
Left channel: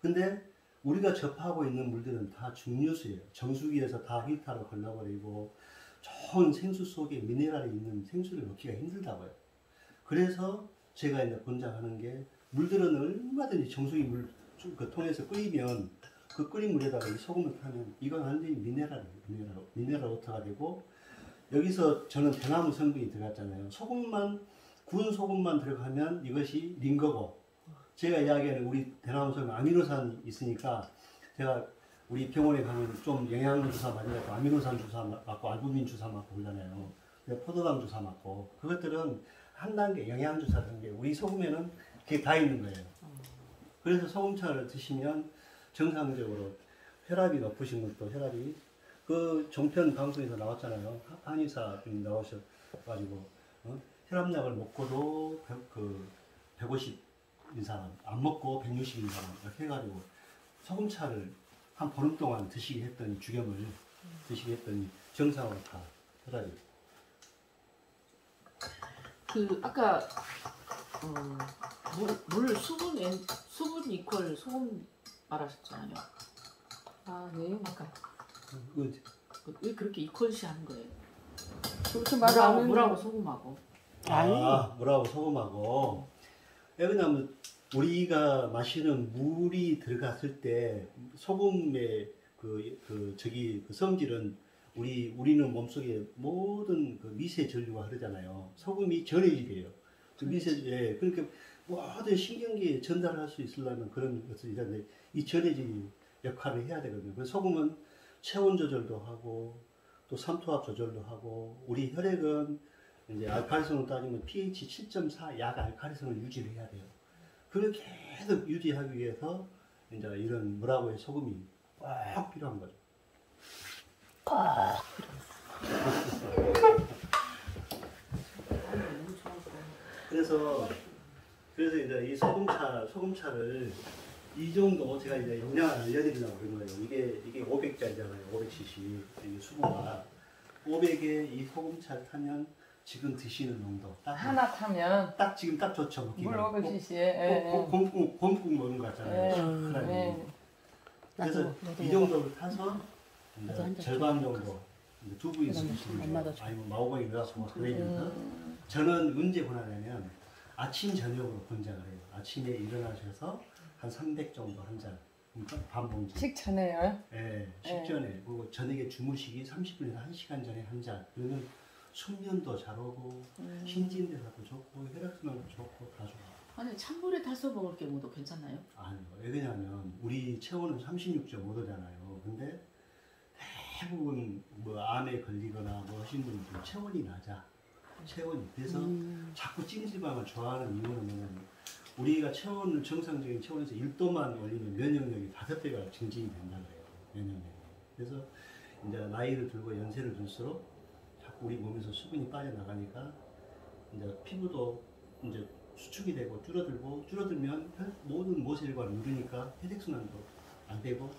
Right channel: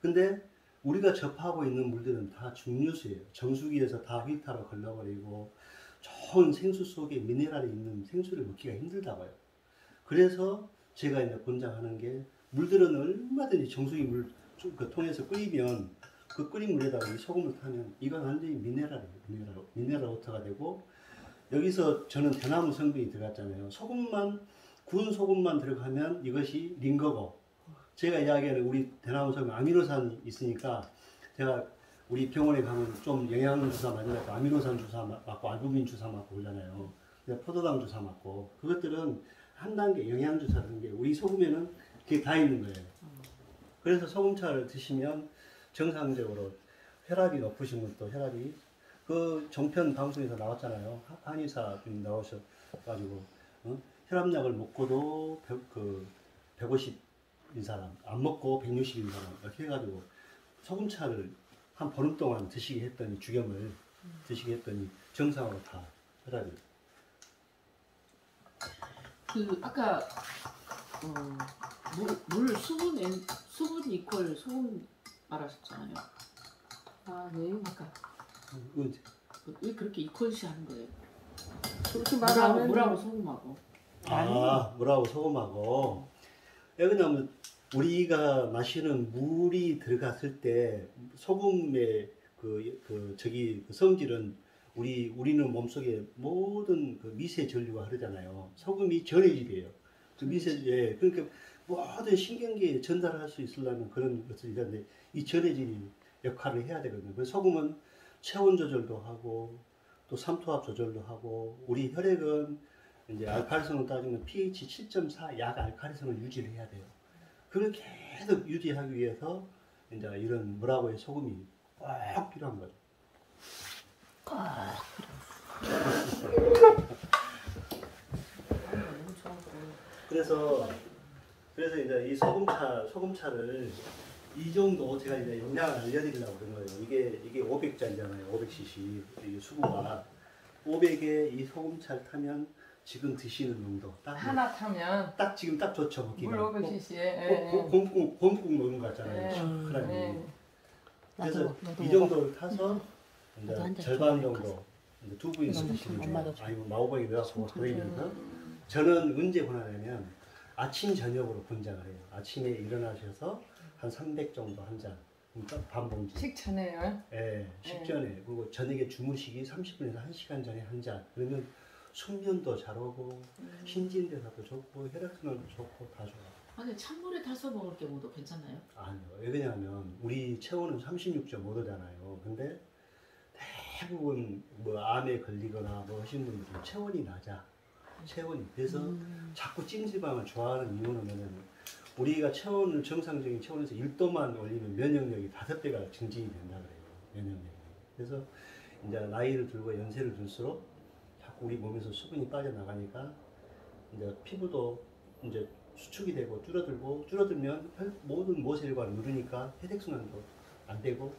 근데 우리가 접하고 있는 물들은 다 중류수예요. 정수기에서 다 필터로 걸러버리고 좋은 생수 속에 미네랄이 있는 생수를 먹기가 힘들다고요. 그래서 제가 이제 권장하는 게 물들은 얼마든지 정수기 물 그 통해서 끓이면 그 끓인 물에다가 이 소금을 타면 이건 완전히 미네랄이에요. 미네랄 워터가 되고 여기서 저는 대나무 성분이 들어갔잖아요. 구운 소금만 들어가면 이것이 링거고 제가 이야기하는 우리 대나무 성분 아미노산이 있으니까 제가 우리 병원에 가면 좀 영양주사 맞으려고 아미노산 주사 맞고 알부민 주사 맞고 그러잖아요. 포도당 주사 맞고 그것들은 한 단계 영양주사를 하는데 우리 소금에는 그게 다 있는 거예요. 그래서 소금차를 드시면 정상적으로 혈압이 높으신 분도 혈압이 그 종편 방송에서 나왔잖아요. 한의사분이 나오셔가지고 혈압약을 먹고도 150인 사람 안 먹고 160인 사람 이렇게 해가지고 소금차를 한 보름 동안 드시게 했더니 주겸을 드시게 했더니 정상으로 다 혈압이 그 아까 물 수분 이퀄 소금 말하셨잖아요. 아, 네. 아까 그 왜 그렇게 이퀄시 하는 거예요? 그렇게 말하면 물하고 소금하고. 물하고 소금하고 왜냐면 우리가 마시는 물이 들어갔을 때 소금의 그 성질은 우리는 몸속에 모든 그 미세 전류가 흐르잖아요. 소금이 전해질이에요. 그 미세 그러니까 모든 신경계에 전달할 수 있으려면 그런 것들이 있는데 이 전해질 역할을 해야 되거든요. 그래서 소금은 체온 조절도 하고 또 삼투압 조절도 하고 우리 혈액은 이제 알칼리성을 따지면 pH 7.4 약 알칼리성을 유지를 해야 돼요. 그걸 계속 유지하기 위해서 이제 이런 물하고의 소금이 꼭 필요한 거죠. 그래서 이제 이 소금차를 이 정도 제가 이제 용량을 알려드리려고 그러는 거예요. 이게 500짜리잖아요. 500cc 이게 수구가 500에 이 소금차를 타면 지금 드시는 농도 딱 하나 타면 딱 지금 딱 좋죠 먹기가. 물 500cc에 곰국 먹는 거 같잖아요. 시원하게. 그래서 이 정도를 타서 이제 절반 정도 두 부위씩 드시면 돼요. 아니면 마호봉이 넣어서 그러면서 저는 언제 권하냐면 아침 저녁으로 권장을 해요. 아침에 일어나셔서 한 300 정도 한 잔, 그러니까 반 봉지. 식전에요? 네, 식전에. 그리고 저녁에 주무시기 30분에서 1시간 전에 한 잔. 그러면 숙면도 잘 오고 신진대사도 좋고 혈액순환도 좋고 다 좋아요. 아니 찬물에 타서 먹을 경우도 괜찮나요? 아니요. 왜냐하면 우리 체온은 36.5도잖아요. 근데 대부분 뭐 암에 걸리거나 뭐 하신 분들은 체온이 낮아. 체온이. 그래서 자꾸 찜질방을 좋아하는 이유는 뭐냐면 우리가 정상적인 체온에서 1도만 올리면 면역력이 5배가 증진이 된다 그래요. 면역력이. 그래서 이제 나이를 들고 연세를 들수록 자꾸 우리 몸에서 수분이 빠져나가니까 이제 피부도 이제 수축이 되고 줄어들면 모든 모세혈관을 누르니까 혈액순환도 안 되고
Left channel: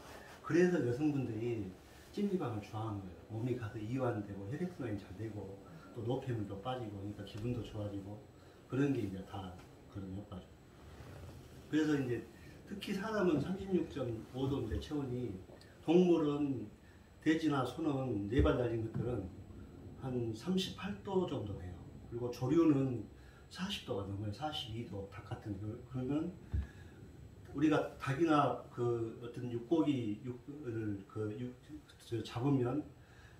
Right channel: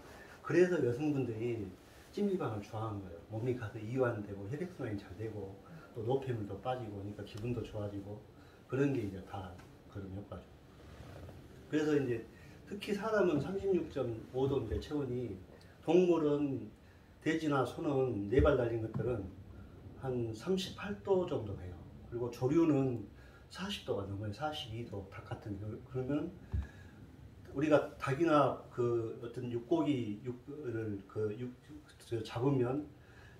그래서 여성분들이 찜질방을 좋아하는 거예요. 몸이 가서 이완되고 혈액순환이 잘 되고 또 노폐물도 빠지고 그러니까 기분도 좋아지고 그런 게 이제 다 그런 효과죠. 그래서 이제 특히 사람은 36.5도인데 체온이 동물은 돼지나 소는 4발 달린 것들은 한 38도 정도 돼요. 그리고 조류는 40도가 넘어요. 42도 닭 같은 경우. 그러면 우리가 닭이나 그 어떤 육고기를 잡으면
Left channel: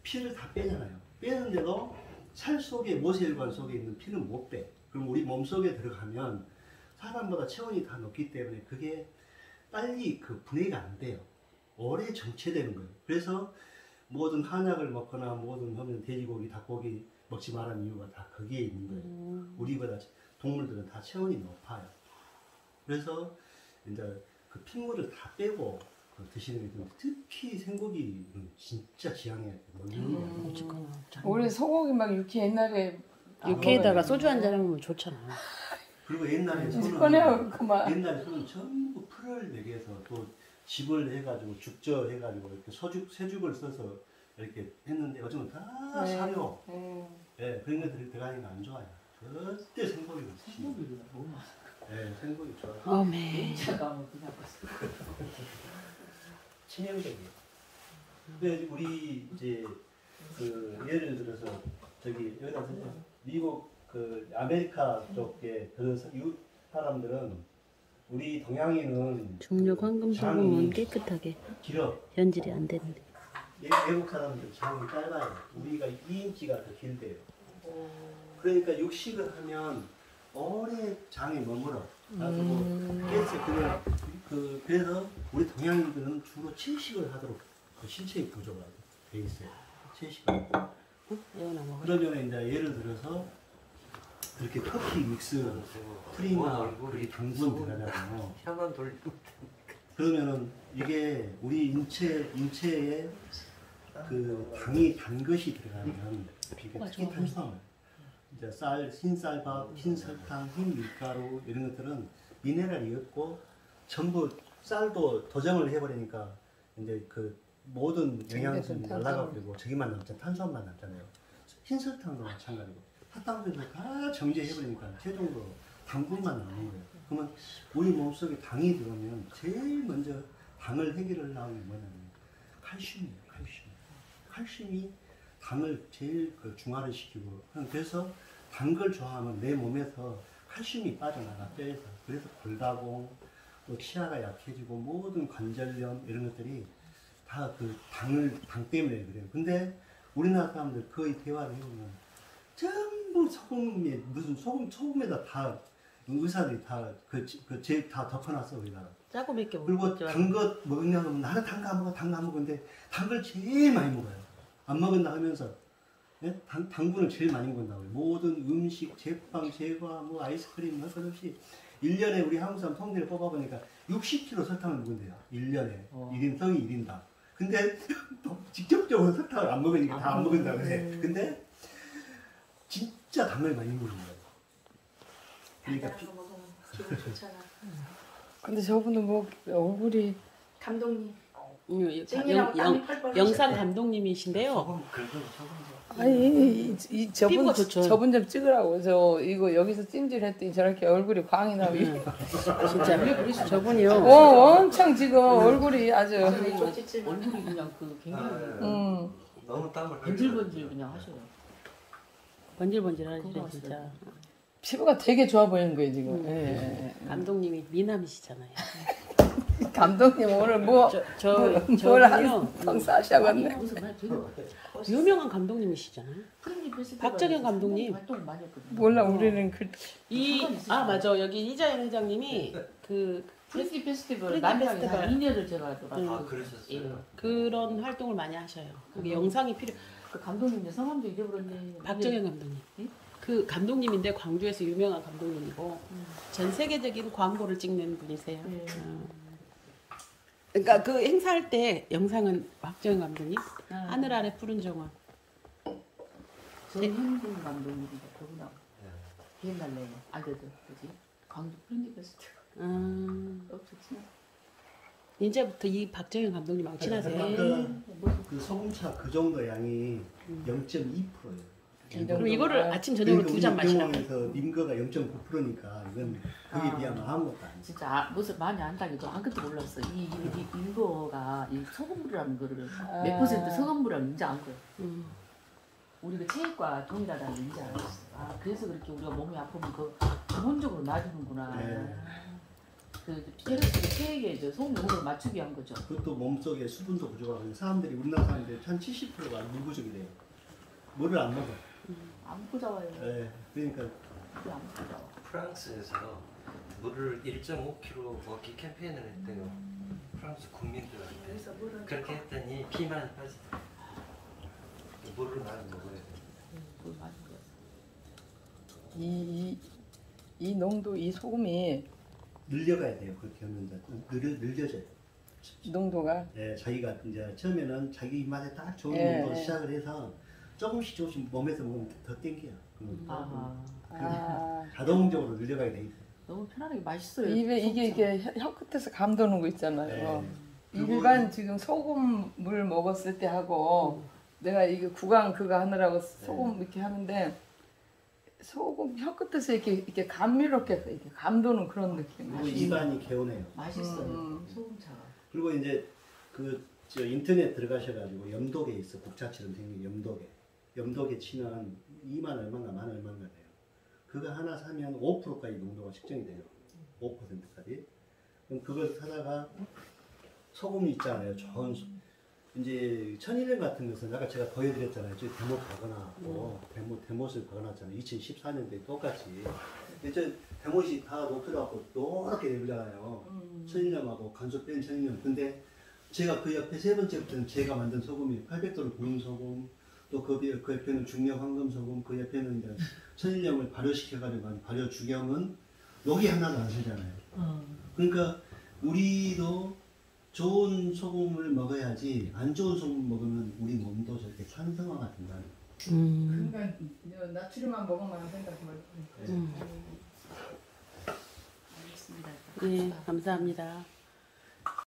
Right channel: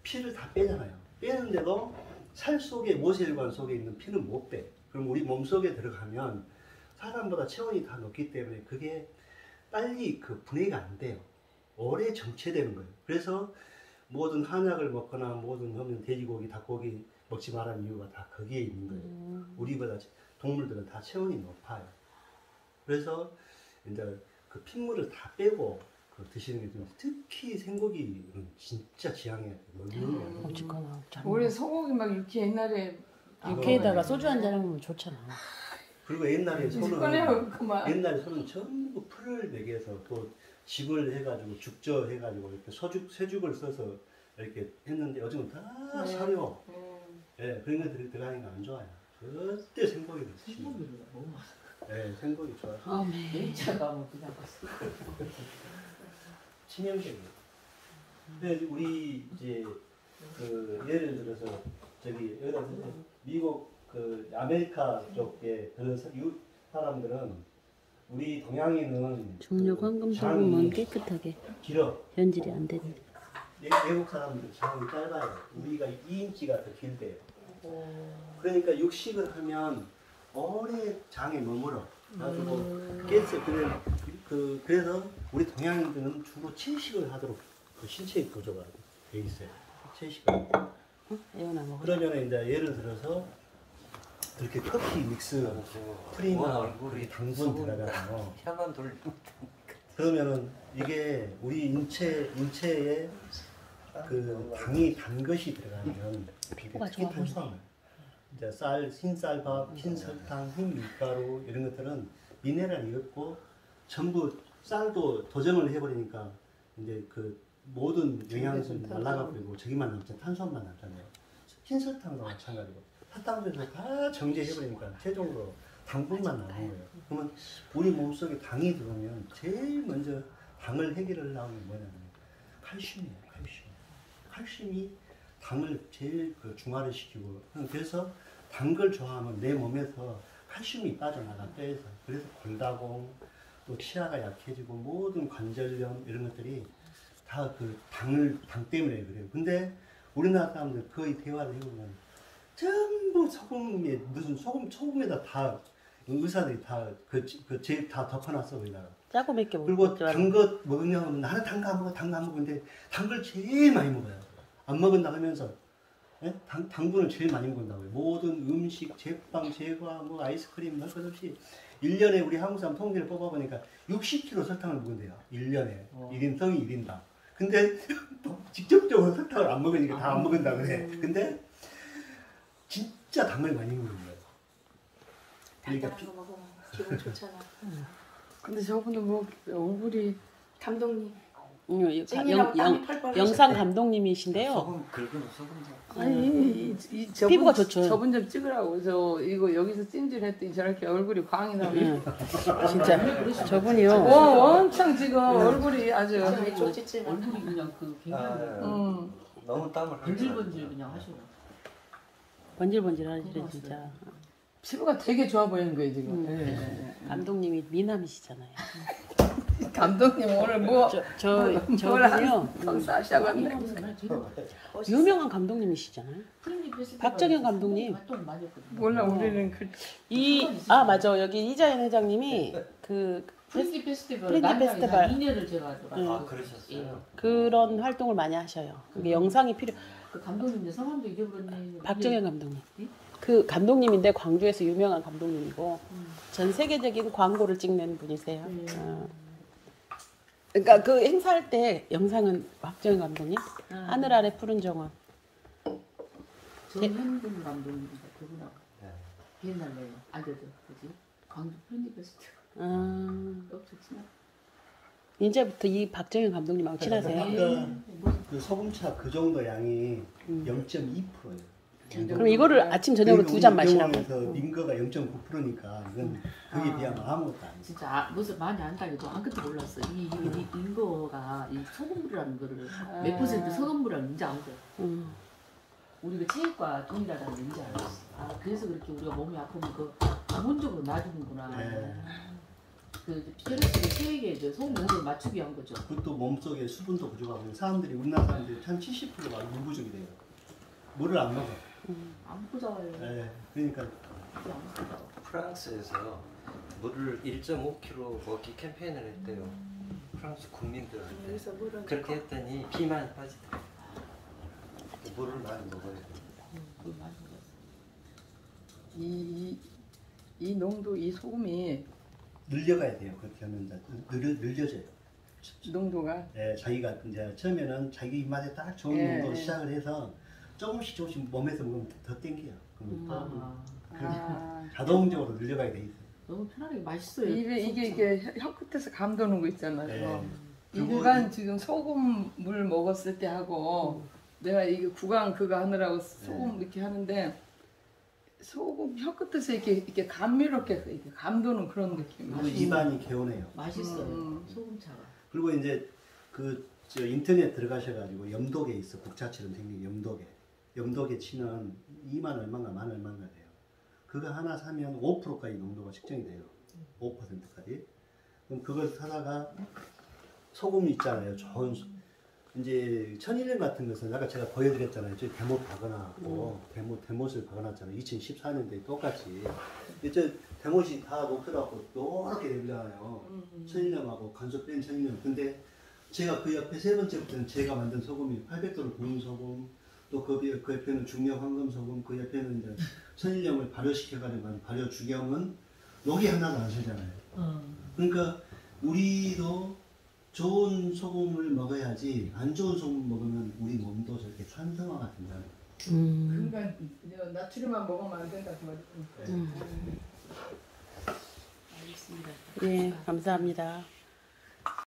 피를 다 빼잖아요. 빼는데도 살 속에 모세혈관 속에 있는 피는 못 빼. 그럼 우리 몸 속에 들어가면 사람보다 체온이 다 높기 때문에 그게 빨리 그 분해가 안 돼요. 오래 정체되는 거예요. 그래서 모든 한약을 먹거나 모든 하면 돼지고기, 닭고기 먹지 말라는 이유가 다 거기에 있는 거예요. 우리보다 동물들은 다 체온이 높아요. 그래서 이제 그 핏물을 다 빼고 그 드시는 게 좋은데 특히 생고기는 진짜 지향해야 돼요. 어쨌거나 우리 소고기 막 육회 옛날에 육회에다가 소주 한 잔 하면 좋잖아. 그리고 옛날에 꺼내요 그만. 옛날에 소는 전부 풀을 먹여서 또 집을 해가지고 죽저 해가지고 이렇게 쇠죽을 써서 이렇게 했는데 요즘은 다 사료. 예, 그런 것들이 들어가니까 안 좋아요. 절대 생고기를 드시면. 생고기가 너무 많아. 예, 생고기 좋아요. 어메. 연차가 뭐 그냥 봤어. 치명적이에요. 근데 우리 이제 그 예를 들어서 저기 여기다 미국 그 아메리카 쪽에 그런 사람들은 우리 동양인은 중력 황금 소금은 깨끗하게 길어. 변질이 안 되는데. 외국 사람들 장이 짧아요. 우리가 2인치가 더 길대요. 그러니까 육식을 하면 오래 장에 머물어. 가지고 가스 그래서 우리 동양인들은 주로 채식을 하도록 그 신체의 구조가 돼 있어요. 채식을. 이거나 먹어. 그러면 이제 예를 들어서 그렇게 터키 믹스 트림하고 그렇게 당분 들어가잖아요. 혀만 돌리면 그러면은 이게 우리 인체에 그 당이 단 것이 들어가면 이게 특히 탄수화물, 이제 흰쌀밥, 흰설탕, 흰밀가루 이런 것들은 미네랄이 없고 전부 쌀도 도정을 해버리니까 이제 그 모든 영양분이 날아가 버리고 저기만 남잖아요. 탄수화물만 남잖아요. 흰설탕과 마찬가지고 팥당에서 다 정제해버리니까 최종으로 당분만 남은 거예요. 그러면 우리 몸속에 당이 들어오면 제일 먼저 당을 해결하려는 게 뭐냐면 칼슘이에요. 칼슘이 당을 제일 그 중화를 시키고 그래서 단 걸 좋아하면 내 몸에서 칼슘이 빠져나가 뼈에서 그래서 골다공 또 치아가 약해지고 모든 관절염 이런 것들이 다 그 당 때문에 그래요. 근데 우리나라 사람들 거의 대화를 해보면 전부 소금에 무슨 소금에다 다 의사들이 다 다 덮어놨어 거기다가. 짜고 맵게 먹고. 그리고 단 거 먹냐 하면 나는 단 거 안 먹어, 단 거 안 먹는데 단 걸 제일 많이 먹어요. 안 먹은다 하면서 예? 당분을 제일 많이 먹는다고요. 모든 음식, 제빵, 제과, 뭐 아이스크림 할 것 없이 1년에 우리 한국 사람 통계를 뽑아보니까 60kg 설탕을 먹는데요. 1년에 1인성이 1인당. 근데 직접적으로 설탕을 안 먹으니까 다 안 먹는다 그래. 근데 진짜 당을 많이 먹는 거예요. 그러니까 기분 좋잖아. 근데 저분은 뭐 얼굴이 감독님. 영상 감독님이신데요. 소금 긁은 소금도. 아니 피부가 좋죠. 저분 좀 찍으라고. 저 이거 여기서 찜질했더니 저렇게 얼굴이 광이 나고. 진짜 저분이요. 엄청 지금 얼굴이 아주. 얼굴이 그냥 그 굉장히 너무 땀을 번질번질 그냥 하셔요. 번질번질 하시네 진짜. 피부가 되게 좋아 보이는 거예요 지금. 예. 감독님이 미남이시잖아요. 감독님 오늘 뭐 저분이요. 싸셔갔네. 유명한 감독님이시잖아요. 박정현 감독님. 몰라 우리는 맞아 여기 이자연 회장님이 그 프렌디 페스티벌 프렌디 페스티벌 2년을 제가 가져갔어요. 아, 그러셨어요? 그런 활동을 많이 하셔요. 이게 영상이 그 감독님들 성함도 잊어버리네. 박정현 감독님. 그 감독님인데 광주에서 유명한 감독님이고 전 세계적인 광고를 찍는 분이세요. 그러니까 그 행사할 때 영상은 박정현 감독님, 하늘 아래 푸른 정원. 전현근 감독님이다. 그분하고 비엔날레 아들들 그지? 광주 프렌디 페스티벌. 이제부터 이 박정현 감독님하고 친하세요? 아까 그 소금차 그 정도 양이 0.2%예요. 그럼 이거를 아침 저녁으로 2잔 마시라고. 병원에서 림거가 0.9%니까 이건 그에 비하면 아무것도 아니죠. 진짜 무슨 많이 안다기도 아무것도 몰랐어. 이 이거가 이 소금물이라는 거를 몇 퍼센트 소금물이라는 인지 안 돼. 우리가 체육과 동일하다는 인지 알았어. 그래서 그렇게 우리가 몸이 아프면 그 기본적으로 놔주는구나. 그 체액에 소금물을 맞추기 위한 거죠. 그것도 몸속에 수분도 부족하고 사람들이 우리나라 사람들이 한 70%가 물 부족이 돼요. 물을 안 먹어. 안 부자와요. 네, 그러니까 프랑스에서 물을 1.5kg 먹기 캠페인을 했대요. 프랑스 국민들한테. 그렇게 했더니 비만이 빠지더라고요. 물을 많이 먹어야 돼요. 이 농도, 이 소금이 늘려가야 돼요. 그렇게 하면 이제 늘려져요. 농도가 네, 자기가 이제 처음에는 자기 입맛에 딱 좋은 예, 농도로 예. 시작을 해서 조금씩 몸에서 먹으면 더 땡겨요. 그러면 자동적으로 늘려가게 돼 있어요. 너무 편하게 맛있어요. 입에 이게 소금차. 이게 혀 끝에서 감도는 거 있잖아요. 네. 일반 지금 소금물 먹었을 때 하고 내가 이게 구강 그거 하느라고 소금 이렇게 하는데 소금 혀 끝에서 이렇게 감미롭게 이렇게 감도는 그런 느낌. 그리고 입안이 개운해요. 맛있어요. 소금차가. 그리고 이제 저 인터넷 들어가셔가지고 염도계 있어. 국자처럼 생긴 염도계. 염도계 치면 2만 얼마인가 만 얼마인가 돼요. 그거 하나 사면 5%까지 농도가 측정이 돼요. 5%까지. 그럼 그걸 사다가 소금 있잖아요. 좋은 이제 천일염 같은 것은 아까 제가 보여드렸잖아요. 저기 대못 박아놨고 대못을 박아놨잖아요. 2014년도에 똑같이. 이제 대못이 다 높여갖고 노랗게 되잖아요. 천일염하고 간소 뺀 천일염. 근데 제가 그 옆에 세 번째부터는 제가 만든 소금이 800도로 구운 소금, 또 그 옆에는 중력 황금 소금, 그 옆에는 이제 천일염을 발효시켜가지고 한 발효 주경은 녹이 하나도 안 새잖아요. 그러니까 우리도 좋은 소금을 먹어야지 안 좋은 소금 먹으면 우리 몸도 저렇게 산성화가 된다는 거예요. 그러니까 나트륨만 먹으면 안 된다 그 말씀. 예, 감사합니다.